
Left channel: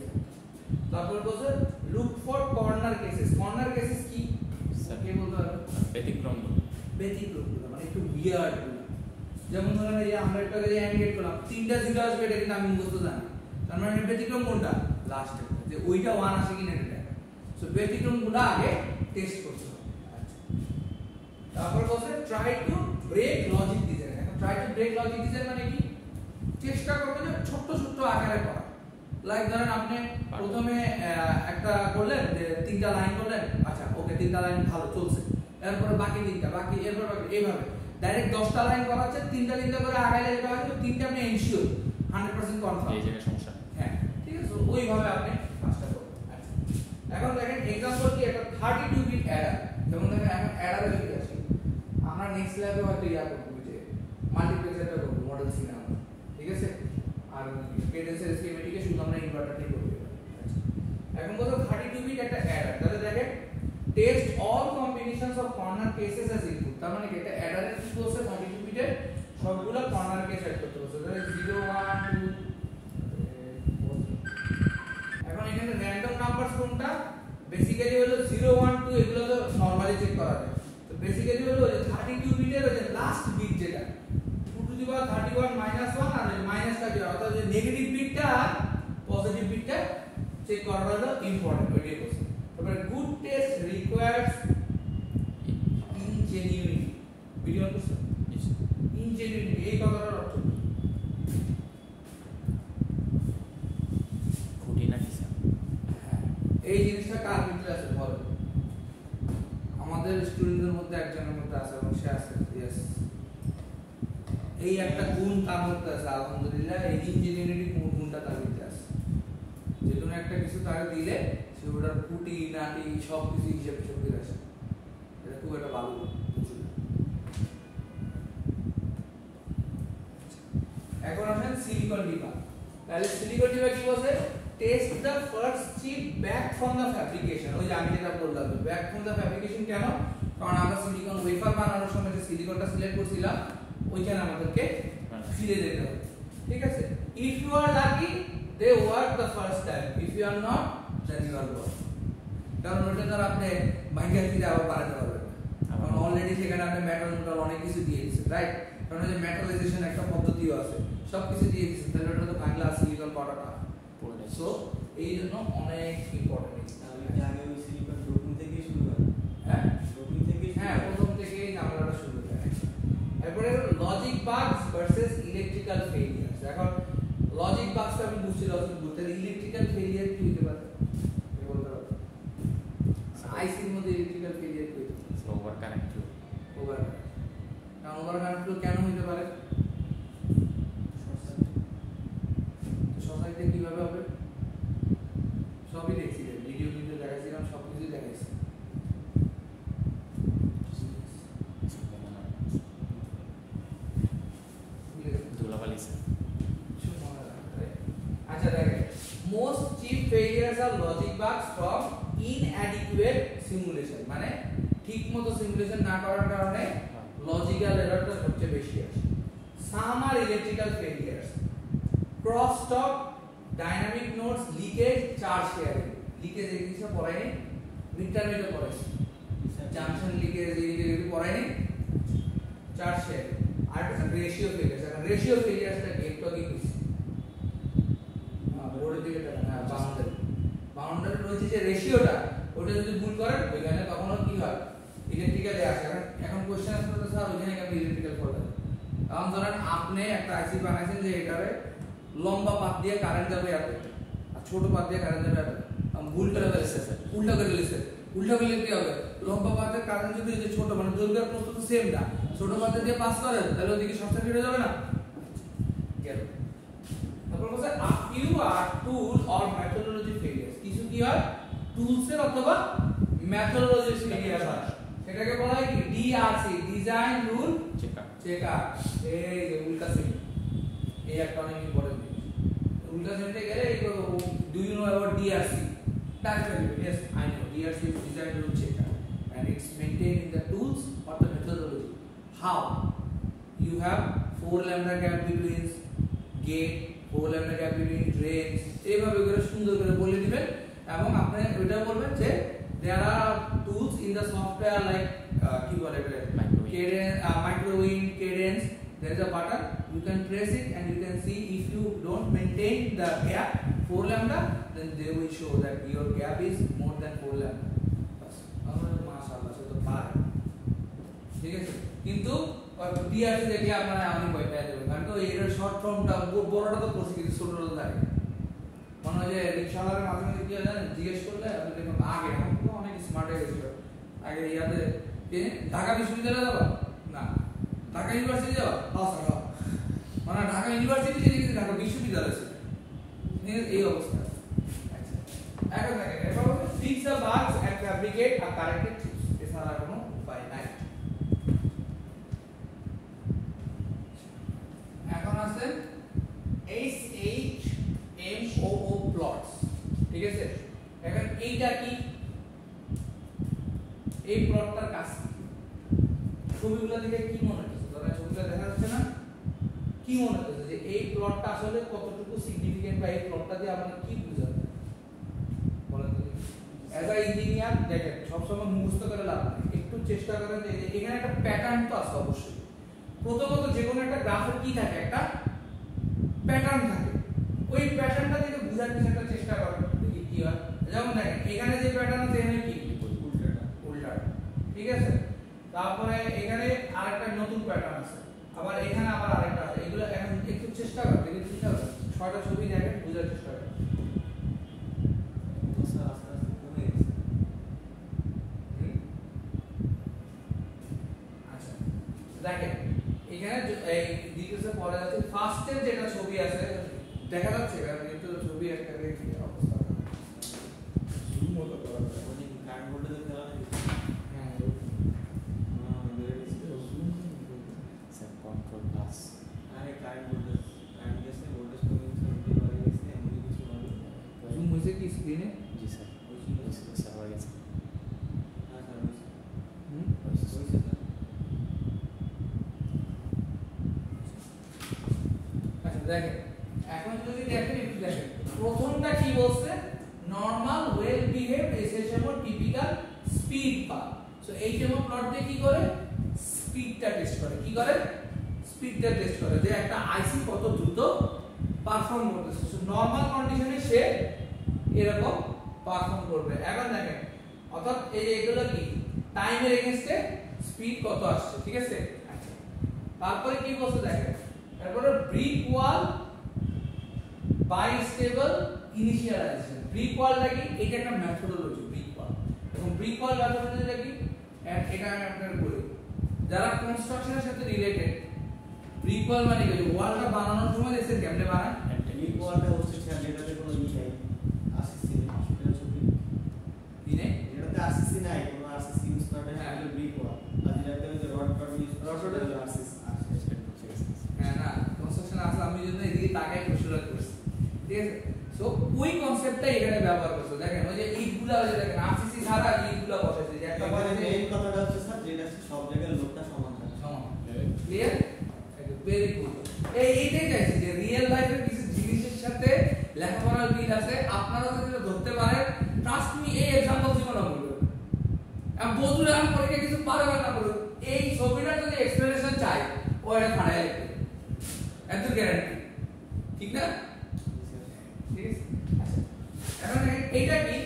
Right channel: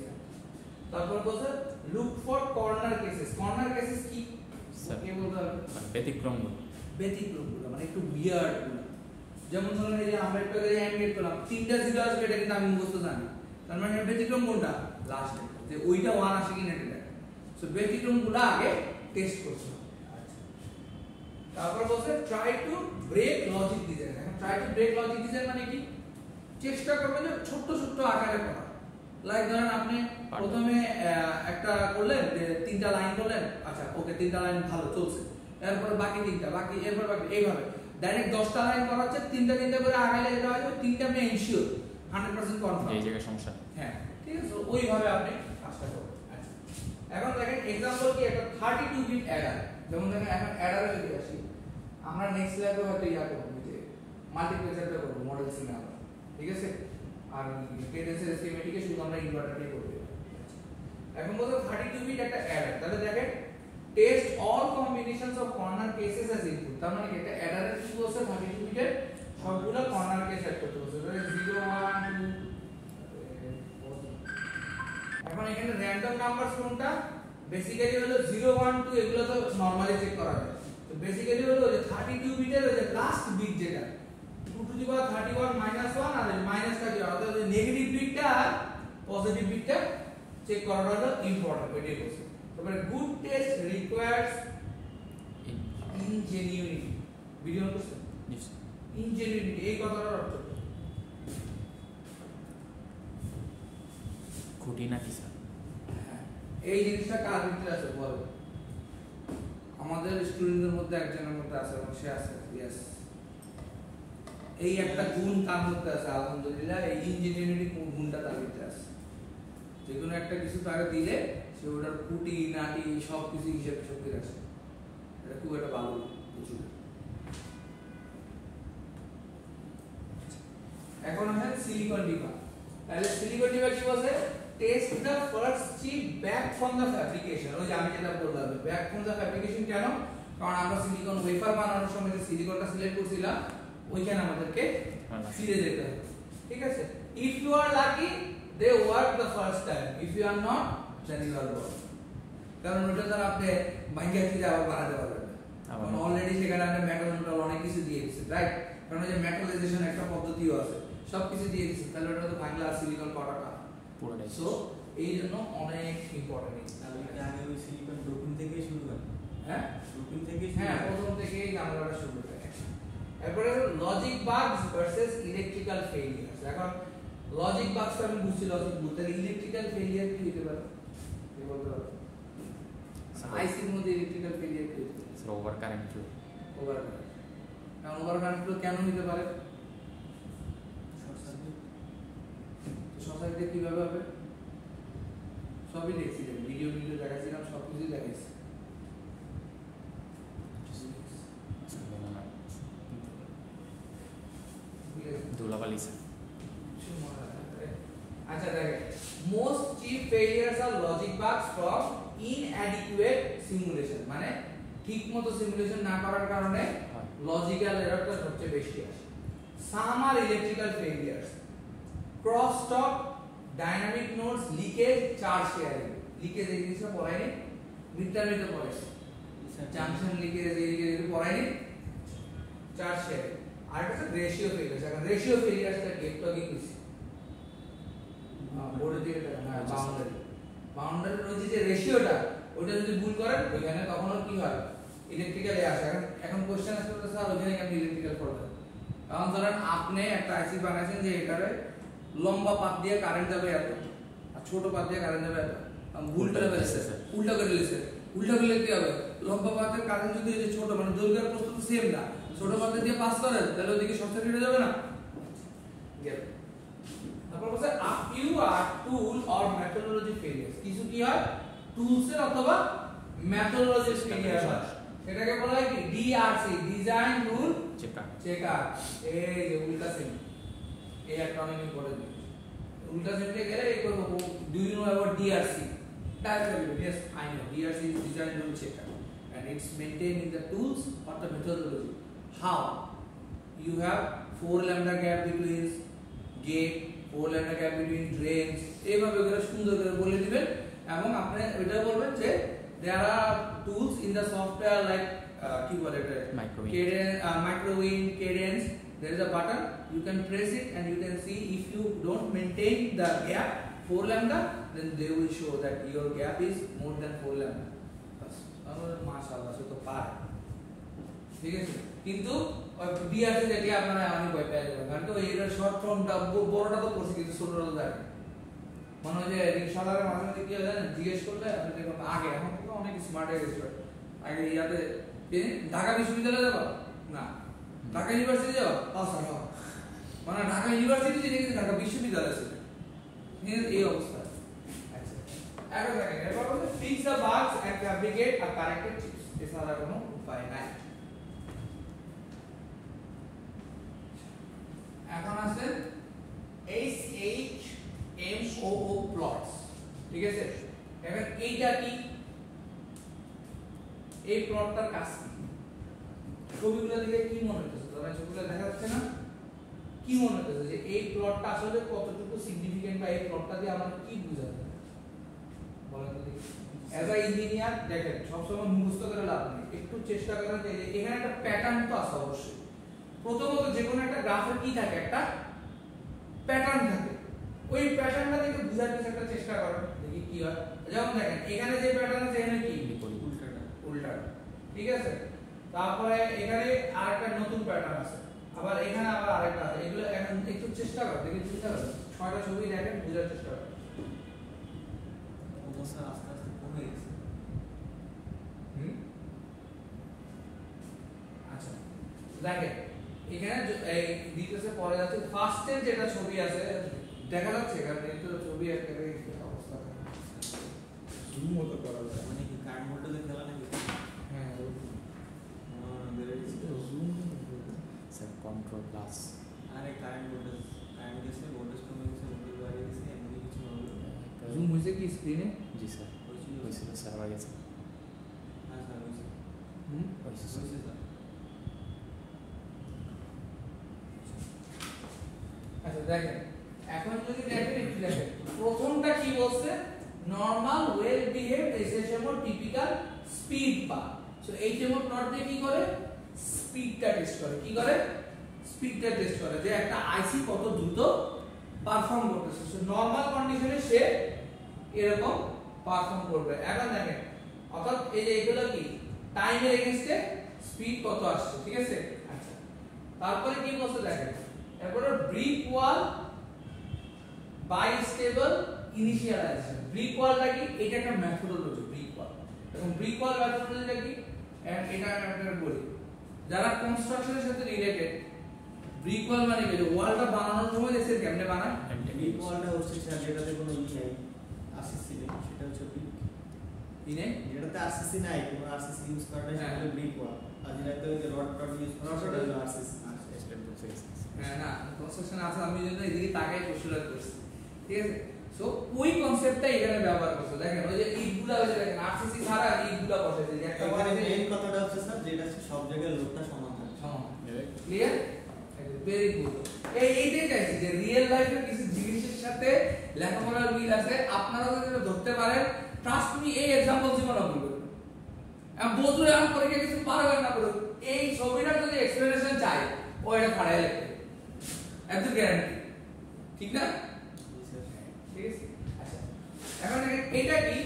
তারপর বলছে look for corner cases. Corner cases কি কে বলতে হবে? ব্যতিক্রমগুলো, ব্যতিক্রমগুলো মানে একটু উইয়ার্ড গুলো। যেমন ধরেন এই যে আমরা একটা এন্ড গেট করলাম, তিনটা জিরো আসবে, এটা কিন্তু আমি মুখস্থ জানি, তার মানে ব্যতিক্রম কোনটা? লাস্ট একটা, যে ওইটা 1 আসে কিনা এটা দেখা। সো ব্যতিক্রমগুলো আগে টেস্ট করতে হবে। আচ্ছা তারপর বলছে try to break logic design. এখন try to break logic design মানে কি, চেষ্টা করবেন যে ছোট ছোট আকারে করা। লাইক ধরেন আপনি প্রথমে একটা করলেন যে 3টা লাইন করলেন, আচ্ছা ওকে 3টা লাইন ভালো চলছে, এরপরে বাকি 3টা, বাকি এরপর বাকি, এইভাবে ডাইরেক্ট 10টা লাইন করা হচ্ছে, 3টা করে আগাইলে যেটা হয় 3টা আপনি এনশিওর 100% কনফার্ম, এই জায়গায় সমস্যা হ্যাঁ ঠিক আছে। ওইভাবে আপনি কাজটা করবেন। আচ্ছা এখন দেখেন एग्जांपल কি, একটা 32 বিট অ্যাডার। যেমন দেখেন এখন অ্যাডারে যদি আসি, আমরা নেক্সট ল্যাবে হয়তো ইয়া করব যে মাল্টিপ্লেক্সারটা করব মডেল সিনে আমরা, ঠিক আছে? আর কেডেন্সের স্কিমেটিকে শুধু আমরা ইনভার্টার দিয়ে করব। এখন বলতে 32 বিট একটা অ্যাডার, তাহলে দেখেন test all combinations of corner cases as input. তার মানে কি একটা অ্যাডারের কি বলছে, 32 বিটের সবগুলো কর্নার কেস অ্যাড করতে বলছে, ধরেন 0 1 2। এখন এখানে র‍্যান্ডম নাম্বারস কোনটা? বেসিক্যালি হলো 0 1 2 এগুলো তো নরমালি চেক করা যায় তো বেসিক্যালি হলো যে 32 বিটের ওই যে লাস্ট বিট যেটা 2 টু দি পাওয়ার 31 মাইনাস 1 আর মাইনাস টা কি অর্থাৎ নেগেটিভ বিটটা আর পজিটিভ বিটটা চেক করাটা হলো ইম্পর্টেন্ট ওইটাই বলছে তারপরে good test requires ingenuity video করছে ইনজেনিউইটি এই কথাটার অর্থ কি খুঁটি নাকি স্যার এই জিনিসটা কার ভিতরে আছে বল আমাদের স্টুডেন্টদের মধ্যে একজনের মধ্যে আছে এবং সে আছে यस এই একটা গুণ তার মধ্যে আছে আলহামদুলিল্লাহ এই ইঞ্জিনিয়ারিং গুণটা তার ভিতরে আছে যে কোনো একটা কিছু তাকে দিলে সে ওটার কুটি নাটি সব কিছু হিসাব করে আসে এটা খুব একটা ভালো বুঝুন এখন আসেন সিলিকন ডিবা তাহলে সিলিকন ডিবা কি বলছে test the first chip back from the fabrication ওই যে আমি যেটা বললাম ব্যাক ফ্রম দ্য ফ্যাব্রিকেশন কেন কারণ আমরা সিলিকন ওয়েফার বানানোর সময় যে সিলিকনটা সিলেক্ট করছিলাম ওইখানে আমাদেরকে ফিরে যেতে হবে ঠিক আছে if you are lucky they work the first time if you are not then you are work কারণ ওটা তো আপনি বাইরে থেকে আবার বানাতে পারবেন কারণ অলরেডি সেখানে আপনি মেটাল মোটাল অনেক কিছু দিয়ে দিয়েছেন রাইট কারণ যে মেটালাইজেশন একটা পদ্ধতিও আছে সবকিছু দিয়ে দিয়েছেন তাহলে ওটা তো বাংলা সিলিকন পাটাটা সো এই জন্য অনেক ইম্পর্টেন্ট এটা আগে ওই সিলিকন ডোপিং থেকে শুরু করে হ্যাঁ ডোপিং থেকে হ্যাঁ প্রথম থেকেই আমরা শুরু করি এরপরে লজিক বাগস ভার্সেস ইলেকট্রিক্যাল ফেলিয়ার এখন লজিক বাগস আমি বুঝছি লজিক বলতে ইলেকট্রিক্যাল ফেলিয়ার কি হতে পারে কি বলতে পারো আইসির মধ্যে ইলেকট্রিক্যাল ফেলিয়ার কি হতে পারে ওভার কানেক্ট ওভার কারণ ওভার কানেক্ট কেন হতে পারে সোসাইটি কিভাবে হবে সবই দেখছি ভিডিও দেখাচ্ছিলাম সবকিছু দেখাইছি ধুলাবালি আচ্ছা দেখেন most chip failures are logic bugs from inadequate simulation মানে ঠিকমতো সিমুলেশন না করার কারণে লজিক্যাল এররটা সবচেয়ে বেশি আসে some are electrical failures crosstalk dynamic nodes leakage charge sharing leakage এই জিনিসটা পড়ায়নি মিডটার্মে পড়াইছি জাংশন লিকেজ এই পড়ায়নি চার্জ শেয়ারিং আর একটা রেশিও ফেলিয়ার এখন রেশিও ফেলিয়ারটা একটু আগে কি বোর্ডের দিকে টাকা বাউন্ডারি রয়েছে যে রেশিওটা ওটা যদি ভুল করেন ওইখানে তখন কি হয় ইলেকট্রিক্যালে আসে এখন কোশ্চেন আসলে তো স্যার ওইখানে আপনি ইলেকট্রিক্যাল পড়বেন কারণ ধরেন আপনি একটা আইসি বানাইছেন যে এটারে লম্বা পাত দিয়ে কারেন্ট যাবে এত আর ছোট পাত দিয়ে কারেন্ট যাবে এত ভুল করে ফেলেছে উল্টা করে ফেলেছে উল্টা করলে কি হবে লম্বা পাতের কারেন্ট যদি এই যে ছোট মানে দৈর্ঘ্যের প্রস্থ তো সেম না ছোট পাতে দিয়ে পাস করেন তাহলে ওদিকে শর্ট সার্কিট হয়ে যাবে না গেল তারপর বলছে you are tool or methodology failure কিছু কি হয় টুলস এর অথবা মেথডোলজি ফেলিয়ার হয় সেটাকে বলা হয় কি ডিআরসি ডিজাইন রুল চেকার এই যে উল্টা সিম এই একটা অনেক ইম্পর্টেন্ট উল্টা সিমে গেলে এই do you know about DRC Directly, yes, I know. DRC is design rule checker, and it's maintained in the tools or the methodology. How? You have 4 lambda gap between gate, 4 lambda gap between drains. এইভাবে করে সুন্দর করে বলে দিবেন এবং আপনি ওইটা বলবেন যে there are tools in the software like কি বলে এটা cadence, microwind, cadence. There is a button. You can press it and you can see if you don't maintain the gap 4 lambda, then they will show that your gap is more than 4 lambda. Bas. মাশাআল্লাহ সে তো পারে ঠিক আছে কিন্তু DRC দেখলে আপনারা আমি ভয় পেয়ে যাবেন কারণ তো এর শর্ট ফর্মটা বড়টা তো পড়ছি কিন্তু ছোটটা তো জানি মনে হয় যে রিকশাওয়ালার মাঝে মাঝে কি হয় জানেন জিজ্ঞেস করলে আপনি দেখুন আগে এখন তো অনেক স্মার্ট হয়ে গেছে আগে ইয়াতে ঢাকা বিশ্ববিদ্যালয়ে যাবা না ঢাকা ইউনিভার্সিটি যাবা মানে ঢাকা ইউনিভার্সিটি যে দেখেছি ঢাকা বিশ্ববিদ্যালয় ছিল এই অবস্থা আচ্ছা এখন দেখেন এবার হচ্ছে fix the bugs and fabricate a corrected chips এছাড়া কোনো উপায় নাই এখন আছে HHMOO প্লটস ঠিক আছে এখন এইটা কি এই প্লটটার কাজ ছবিগুলো দেখে কি মনে হচ্ছে ধরেন ছবিটা দেখা যাচ্ছে না কি মনে হচ্ছে যে এই প্লটটা আসলে কতটুকু সিগনিফিকেন্ট বা এই প্লটটা দিয়ে আমরা কি বুঝাতে বলেন তো দেখি অ্যাজ আ ইঞ্জিনিয়ার দেখেন সবসময় মুখস্থ করে লাভ নেই, একটু চেষ্টা করেন যে এখানে একটা প্যাটার্ন তো আছে অবশ্যই। প্রথমত যে কোনো একটা গ্রাফের কি থাকে, একটা প্যাটার্ন থাকে, ওই প্যাটার্নটা থেকে বোঝার কিছু একটা চেষ্টা করেন দেখি কি হয়। যেমন দেখেন এখানে যে প্যাটার্ন আছে এখানে কি উল্টা, ঠিক আছে। তারপরে এখানে আরেকটা নতুন প্যাটার্ন আছে, আবার এখানে আবার আরেকটা আছে। এগুলো এখন একটু চেষ্টা করেন দেখি ঠিক আছে, 6টা ছবি দেখেন বোঝার চেষ্টা করেন। স্যার আস্তে আস্তে কমে গেছে। আচ্ছা দেখেন এখানে এই ডিটেইলসে পড়া যাচ্ছে ফার্স্টের যেটা ছবি আছে দেখা যাচ্ছে, কারণ কিন্তু ছবি একটা অবস্থা জুম মতো করা যায়। মানে কি কার্ড বোর্ডে খেলা নাকি? হ্যাঁ জুম স্যার কন্ট্রোল প্লাস আরে কার্ড বোর্ডে গেছে, বোর্ডে কমে গেছে, বোর্ডে বাড়ি গেছে, এমনি কিছু হবে। জুম হয়েছে কি স্ক্রিনে? জি স্যার হয়েছিল স্যার হয়ে গেছে। হ্যাঁ স্যার হয়েছে হয়েছে স্যার। স্যার। আচ্ছা দেখেন এখন যদি দেখেন একটু দেখেন প্রথমটা কি বলছে, নরমাল ওয়েল বিহেভড এসএসএমও টিপিক্যাল স্পিড পা। সো এই যেমন প্লট দিয়ে কি করে স্পিডটা টেস্ট করে, কি করে স্পিডটা টেস্ট করে যে একটা আইসি কত দ্রুত পারফর্ম করতেছে। সো নরমাল কন্ডিশনে সে এরকম পারফর্ম করবে। এখন দেখেন অর্থাৎ এই যে এগুলো কি টাইমের এগেইনস্টে স্পিড কত আসছে, ঠিক আছে। আচ্ছা তারপরে কি বলছে দেখেন, তারপরে ব্রিক ওয়াল বাইস্টেবল ইনিশিয়ালাইজেশন। ব্রিক ওয়ালটা কি, এটা একটা মেথডোলজি ব্রিক ওয়াল। এবং ব্রিক ওয়াল মেথডোলজিটা কি, এটা আমি আপনাদের বলি যারা কনস্ট্রাকশনের সাথে রিলেটেড। ব্রিক ওয়াল মানে কি, ওয়ালটা বানানোর সময় দেখছেন কেমনে বানায়, এই ওয়ালটা হচ্ছে স্যার যেটাতে কোনো ই নাই, আরসিসি নেই, সেটা হচ্ছে ব্রিক। কি নেই, যেটাতে আরসিসি নাই, কোনো আরসিসি ইউজ করা নাই, হ্যাঁ। সেটা ব্রিক ওয়াল। আর যেটাতে ওই যে রড ইউজ করা রড সেটা হলো আরসিসি। হ্যাঁ না কনস্ট্রাকশন আছে, আমি জন্য এদিকে তাকাই প্রশ্নটা করছি, ঠিক আছে। সো ওই কনসেপ্টটা এখানে ব্যবহার করছে। দেখেন ওই যে ইটগুলা, ওই যে দেখেন আরসিসি ছাড়া ইটগুলা বসাইছে, যে একটা এবারে বসাইছে মেইন কথাটা হচ্ছে স্যার যেটা হচ্ছে সব জায়গায় লোকটা সমান থাকে। সমান। Clear, very good. এইটাই চাইছি যে রিয়েল লাইফে কিছু জিনিসের সাথে লেখাপড়ার মিল আছে, আপনারা যদি এটা ধরতে পারেন, ট্রাস্ট মি এই एग्जांपल জীবনে বলবেন। আমি বদলে আমি পরে কিছু পারবেন না বলুন, এই ছবিটা যদি এক্সপ্লেনেশন চাই ও এটা ফাড়াই লিখবে, এত গ্যারান্টি, ঠিক না? ঠিক আছে। আচ্ছা এখন দেখেন এইটা কি,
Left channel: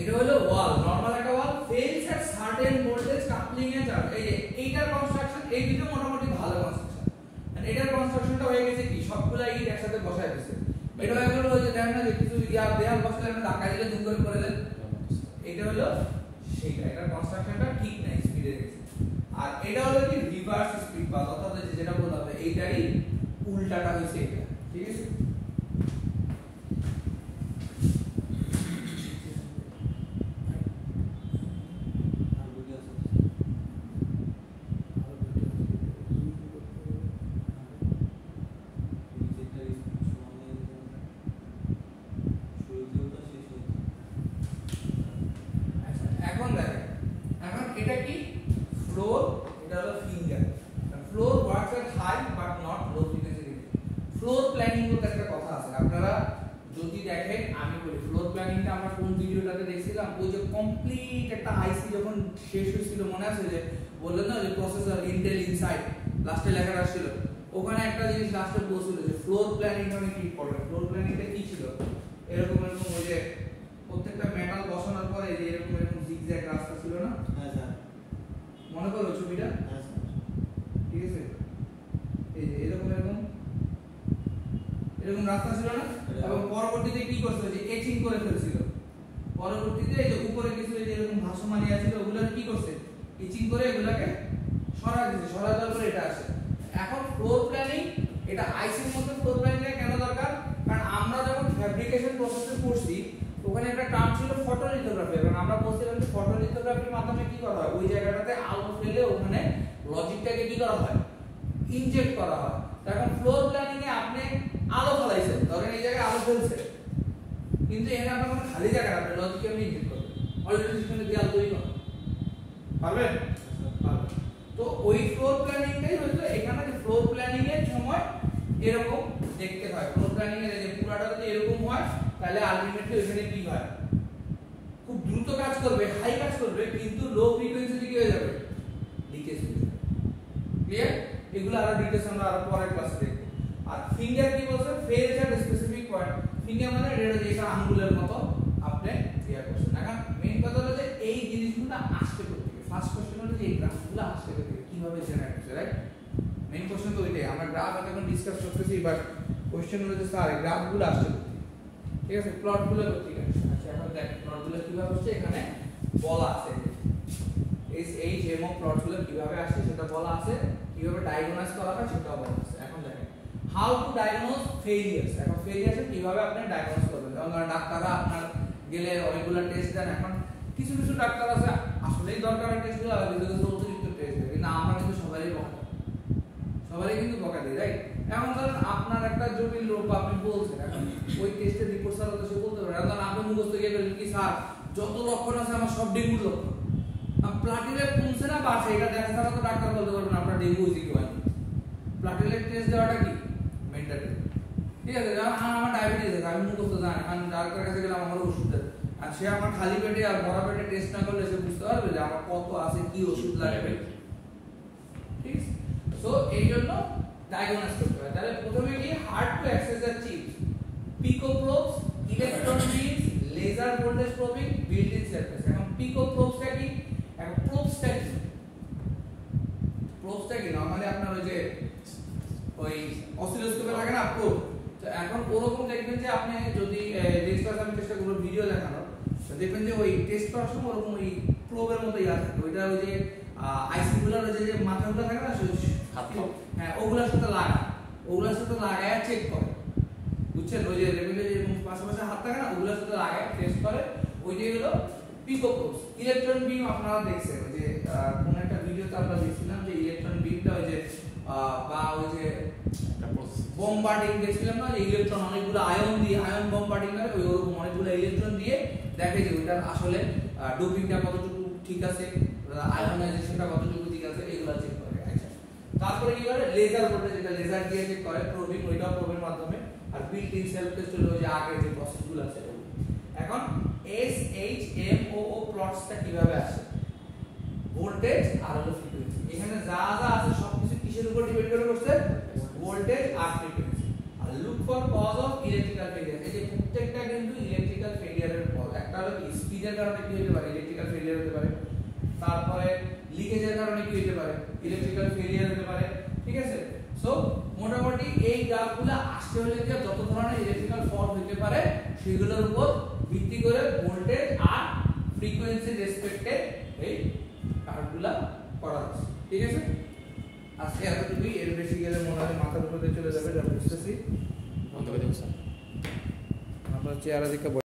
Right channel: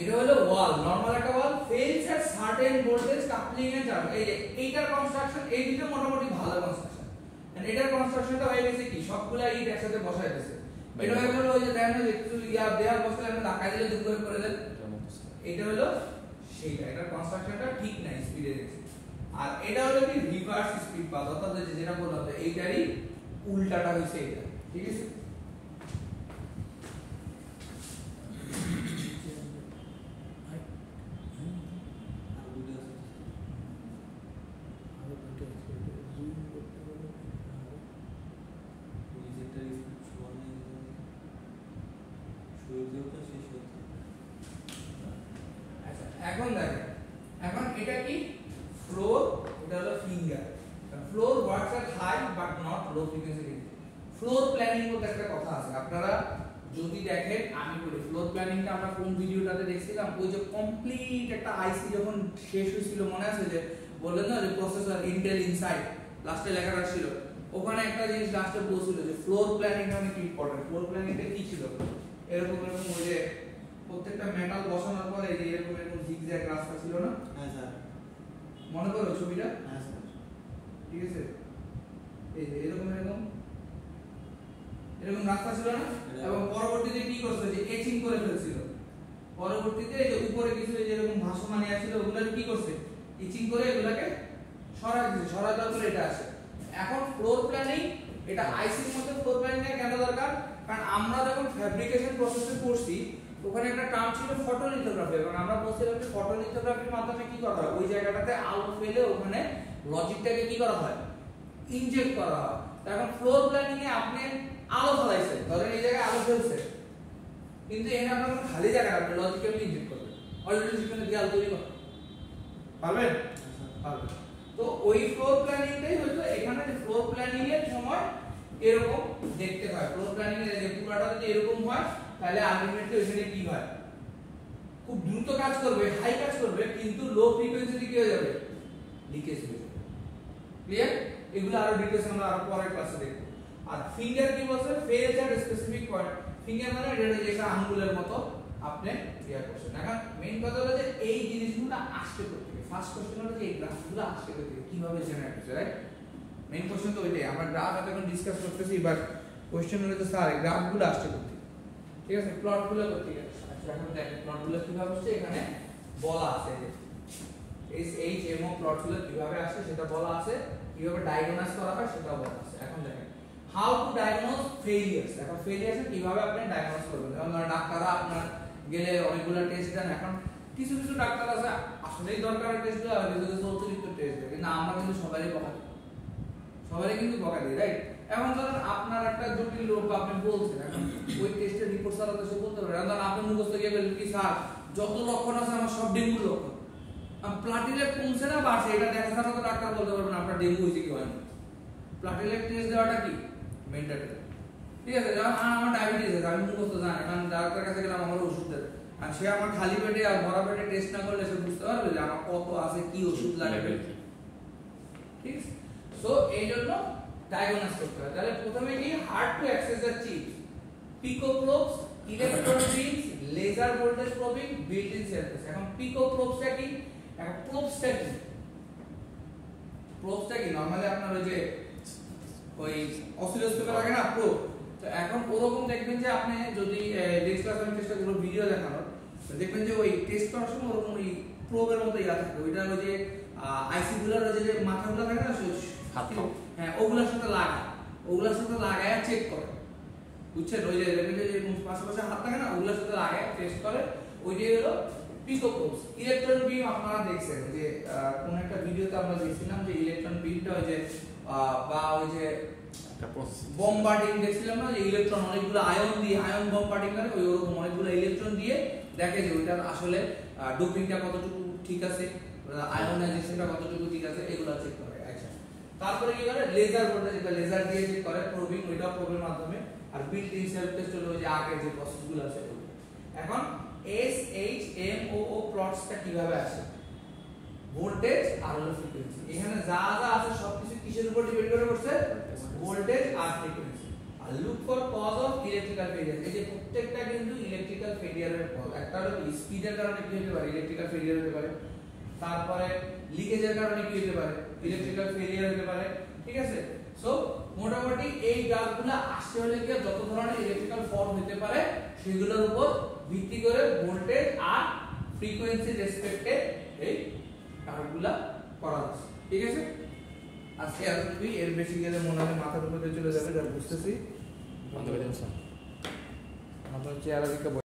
এটা হলো ওয়াল, নরমাল একটা ওয়াল ফেলস এট সার্টেন ভোল্টেজ কাপলিং এ যাবে। এই যে এইটার কনস্ট্রাকশন এই দুটো মোটামুটি ভালো কনস্ট্রাকশন। এন্ড এটার কনস্ট্রাকশনটা হয়ে গেছে কি, সবগুলা ইট একসাথে বসায় দিয়েছে। এটা হয়ে গেল ওই যে দেখেন না যে কিছু ইয়ার দেয়াল বসালে আমরা ধাক্কা দিলে দুম করে দেন, এটা হলো সেইটা। এটার কনস্ট্রাকশনটা ঠিক নাই, স্পিডে আর এটা হলো কি রিভার্স স্পিড পাথ, অর্থাৎ যেটা বললাম এইটারই উল্টাটা হইছে এটা, ঠিক আছে। আর ভিডিও আছে। ডিজিটাল সমান নিয়ে শুরু দিয়েও শেষ হয়েছে। আচ্ছা এখন দেখেন, এখন এটা কি ফ্লোর, এটা হলো finger. Floor works at high but not low frequency. Floor planning বলতে একটা কথা আছে, আপনারা যদি দেখেন আমি বলি ফ্লোর প্ল্যানিংটা আমরা কোন ভিডিওটাতে দেখছিলাম, ওই যে কমপ্লিট একটা আইসি যখন শেষ হয়েছিল মনে আছে, যে বললেন না যে প্রসেসর ইন্টেল ইনসাইড লাস্টে লেখাটা ছিল, ওখানে একটা জিনিস লাস্টে বলছিল যে ফ্লোর প্ল্যানিং অনেক ইম্পর্টেন্ট। ফ্লোর প্ল্যানিংটা কি ছিল, এরকম এরকম ওই যে প্রত্যেকটা মেটাল বসানোর পরে এই যে এরকম এরকম জিগজ্যাগ রাস্তা ছিল না, হ্যাঁ স্যার। মনে করো ছবিটা, হ্যাঁ স্যার। ঠিক আছে। এই যে এরকম এরকম এরকম রাস্তা ছিল না, এবং পরবর্তীতে কি করছে যে এচিং করে ফেলছিল। পরবর্তীতে এই যে উপরে কিছু এই যে এরকম ভাসমান আছে ওগুলা কি করছে, এচিং করে এগুলাকে সরাই দিয়েছে, সরাই দেওয়ার পরে এটা আসে। এখন ফ্লোর প্ল্যানিং, এটা আইসির মধ্যে ফ্লোর প্ল্যানিং কেন দরকার, কারণ আমরা যখন ফ্যাব্রিকেশন প্রসেসে করছি ওখানে একটা টার্ম ছিল ফটোলিথোগ্রাফি, এবং আমরা বলছিলাম যে ফটোলিথোগ্রাফির মাধ্যমে কি করা হয়, ওই জায়গাটাতে আলো ফেলে ওখানে লজিকটাকে কি করা হয়, ইনজেক্ট করা হয়। এখন ফ্লোর প্ল্যানিং এ আপনি আলো ফলাইছেন, ধরেন এই জায়গায় আলো ফেলছে, কিন্তু এখানে আপনার কোনো খালি জায়গা আপনি লজিক কেমনি ইনজেক্ট করবেন, অলরেডি সেখানে দেয়াল তৈরি করেন, পারবেন? পারবেন। তো ওই ফ্লোর প্ল্যানিংটাই হচ্ছে এখানে, যে ফ্লোর প্ল্যানিং এর সময় এরকম দেখতে হয়। ফ্লোর প্ল্যানিং এর যে পুরাটা যদি এরকম হয় তাহলে আলটিমেটলি ওখানে কি হয়, খুব দ্রুত কাজ করবে, হাই কাজ করবে, কিন্তু লো ফ্রিকোয়েন্সিতে কি হয়ে যাবে, লিকেজ হয়ে যাবে। ক্লিয়ার? এগুলো আরো ডিটেইলস আমরা আরো পরের ক্লাসে দেখব। আর ফিঙ্গার কি বলছে, ফেলস এট স্পেসিফিক পয়েন্ট। ফিঙ্গার মানে এটা আঙ্গুলের মতো আপনি ইয়া করছেন। এখন মেইন কথা হলো যে এই জিনিসগুলো আসতে করতে ফার্স্ট কোশ্চেন হলো যে এই গ্রাফগুলো আসতে করতে কিভাবে জেনারেট হচ্ছে, রাইট? মেইন কোশ্চেন তো ওইটাই, আমরা গ্রাফ এখন ডিসকাস করতেছি, বাট কোশ্চেন হলো যে স্যার এই গ্রাফগুলো আসতে করতে, ঠিক আছে, প্লটগুলো করতে গেছে। আচ্ছা এখন দেখেন প্লটগুলো কিভাবে হচ্ছে, এখানে বলা আছে এই এমও প্লটগুলো কিভাবে আসে সেটা বলা আছে, কিভাবে ডায়াগনোজ করা হয় সেটাও বলা আছে। এখন দেখেন হাউ টু ডায়াগনোজ ফেলিয়ার্স। এখন ফেলিয়ার্স কিভাবে আপনি ডায়াগনোজ করবেন, যেমন ডাক্তাররা আপনার গেলে অনেকগুলো টেস্ট দেন। এখন কিছু কিছু ডাক্তার আছে আসলেই দরকার টেস্ট দেওয়া, আর কিছু অতিরিক্ত টেস্ট দেয়, কিন্তু আমরা কিন্তু সবারই বকা দিই, সবারই কিন্তু বকা দিই, রাইট? এখন ধরেন আপনার একটা জটিল রোগ আপনি বলছেন, এখন ওই টেস্টের রিপোর্ট ছাড়া তো সে বলতে পারবে। এখন আপনি মুখস্থ গিয়ে বলবেন কি স্যার যত লক্ষণ আছে আমার সব ডেঙ্গু লক্ষণ, প্লাটিলেট কমছে না বাড়ছে, এটা দেখা ছাড়া তো ডাক্তার বলতে পারবে না আপনার ডেঙ্গু হয়েছে কি হয়নি। প্লাটিলেট টেস্ট দেওয়াটা কি মেন্টালি, ঠিক আছে? যেমন আমার ডায়াবেটিস আছে, আমি মুখস্থ জানি, কারণ ডাক্তার কাছে গেলাম আমার ওষুধ দেয়, আর সে আমার খালি পেটে আর ভরা পেটে টেস্ট না করলে সে বুঝতে পারবে যে আমার কত আছে, কি ওষুধ লাগবে, ঠিক আছে? সো এই জন্য ডায়াগনোস করতে হয়। তাহলে প্রথমে কি hard to access the chip, pico probes, electron beams, laser voltage probing, built in circuit. এখন পিকো প্রোবসটা কি, এখন প্রোবসটা কি, প্রোবসটা কি নরমালি আপনার ওই অসিলোস্কোপে লাগে না প্রোব, তো এখন ওরকম দেখবেন যে আপনি যদি ডিসকাস আমি চেষ্টা করব ভিডিও দেখানোর, তো দেখবেন যে ওই টেস্ট করার সময় ওরকম ওই প্রোবের মতো ইয়া থাকে, ওইটা ওই যে আইসি গুলোর যে মাথাগুলো থাকে না হ্যাঁ ওগুলোর সাথে লাগায়, ওগুলোর সাথে লাগায় চেক করে, বুঝছেন? ওই যে লেভেলে যেরকম পাশাপাশি হাত থাকে না ওগুলোর সাথে লাগায় টেস্ট করে, ওইটাই হলো পিকো প্রোবস। ইলেকট্রন বিম আপনারা দেখছেন যে কোন একটা ভিডিওতে আমরা দেখছিলাম যে ইলেকট্রন বিমটা ওই যে বা ওই যে বোম্বার্ডিং দেখছিলাম না, যে ইলেকট্রন অনেকগুলো আয়ন দিয়ে আয়ন বোম্বার্ডিং করে, ওই ওরকম অনেকগুলো ইলেকট্রন দিয়ে দেখে যে ওইটার আসলে ডোপিংটা কতটুকু ঠিক আছে, আয়নাইজেশনটা কতটুকু ঠিক আছে, এগুলো চেক করে। আচ্ছা তারপরে কি করে লেজার ভোল্টেজ, যেটা লেজার দিয়ে চেক করে, প্রবিং, ওইটাও প্রবের মাধ্যমে। আর বিল্ট ইন সেলফ টেস্ট হলো যে আগে যে প্রসেসগুলো আছে। এখন SHMOO প্লটসটা কিভাবে আসে, ভোল্টেজ আর হলো ফ্রিকোয়েন্সি। এখানে যা যা আছে সবকিছু কিসের উপর ডিপেন্ড করে করছে, ভোল্টেজ আর ফ্রিকোয়েন্সি। আর look for cause of electrical failure, এই যে প্রত্যেকটা কিন্তু ইলেকট্রিক্যাল ফেলিয়ারের কজ। একটা হলো স্পিডের কারণে কি হতে পারে, ইলেকট্রিক্যাল ফেলিয়ার হতে পারে। তারপরে লিকেজের কারণে কি হতে পারে, ইলেকট্রিক্যাল ফেলিয়ার হতে পারে, ঠিক আছে? সো মোটামুটি এই গ্রাফগুলো আসতে হলে কি যত ধরনের ইলেকট্রিক্যাল ফল্ট হতে পারে সেগুলোর উপর ভিত্তি করে ভোল্টেজ আর ফ্রিকোয়েন্সি রেসপেক্টে এই কার্ভগুলো করা আছে, ঠিক আছে? আজকে এতটুকুই, এর বেশি গেলে মনে হয় মাথার উপরে চলে যাবে, যা বুঝতেছি। বন্ধ করে দেবো স্যার, আপনার চেয়ারে দিকে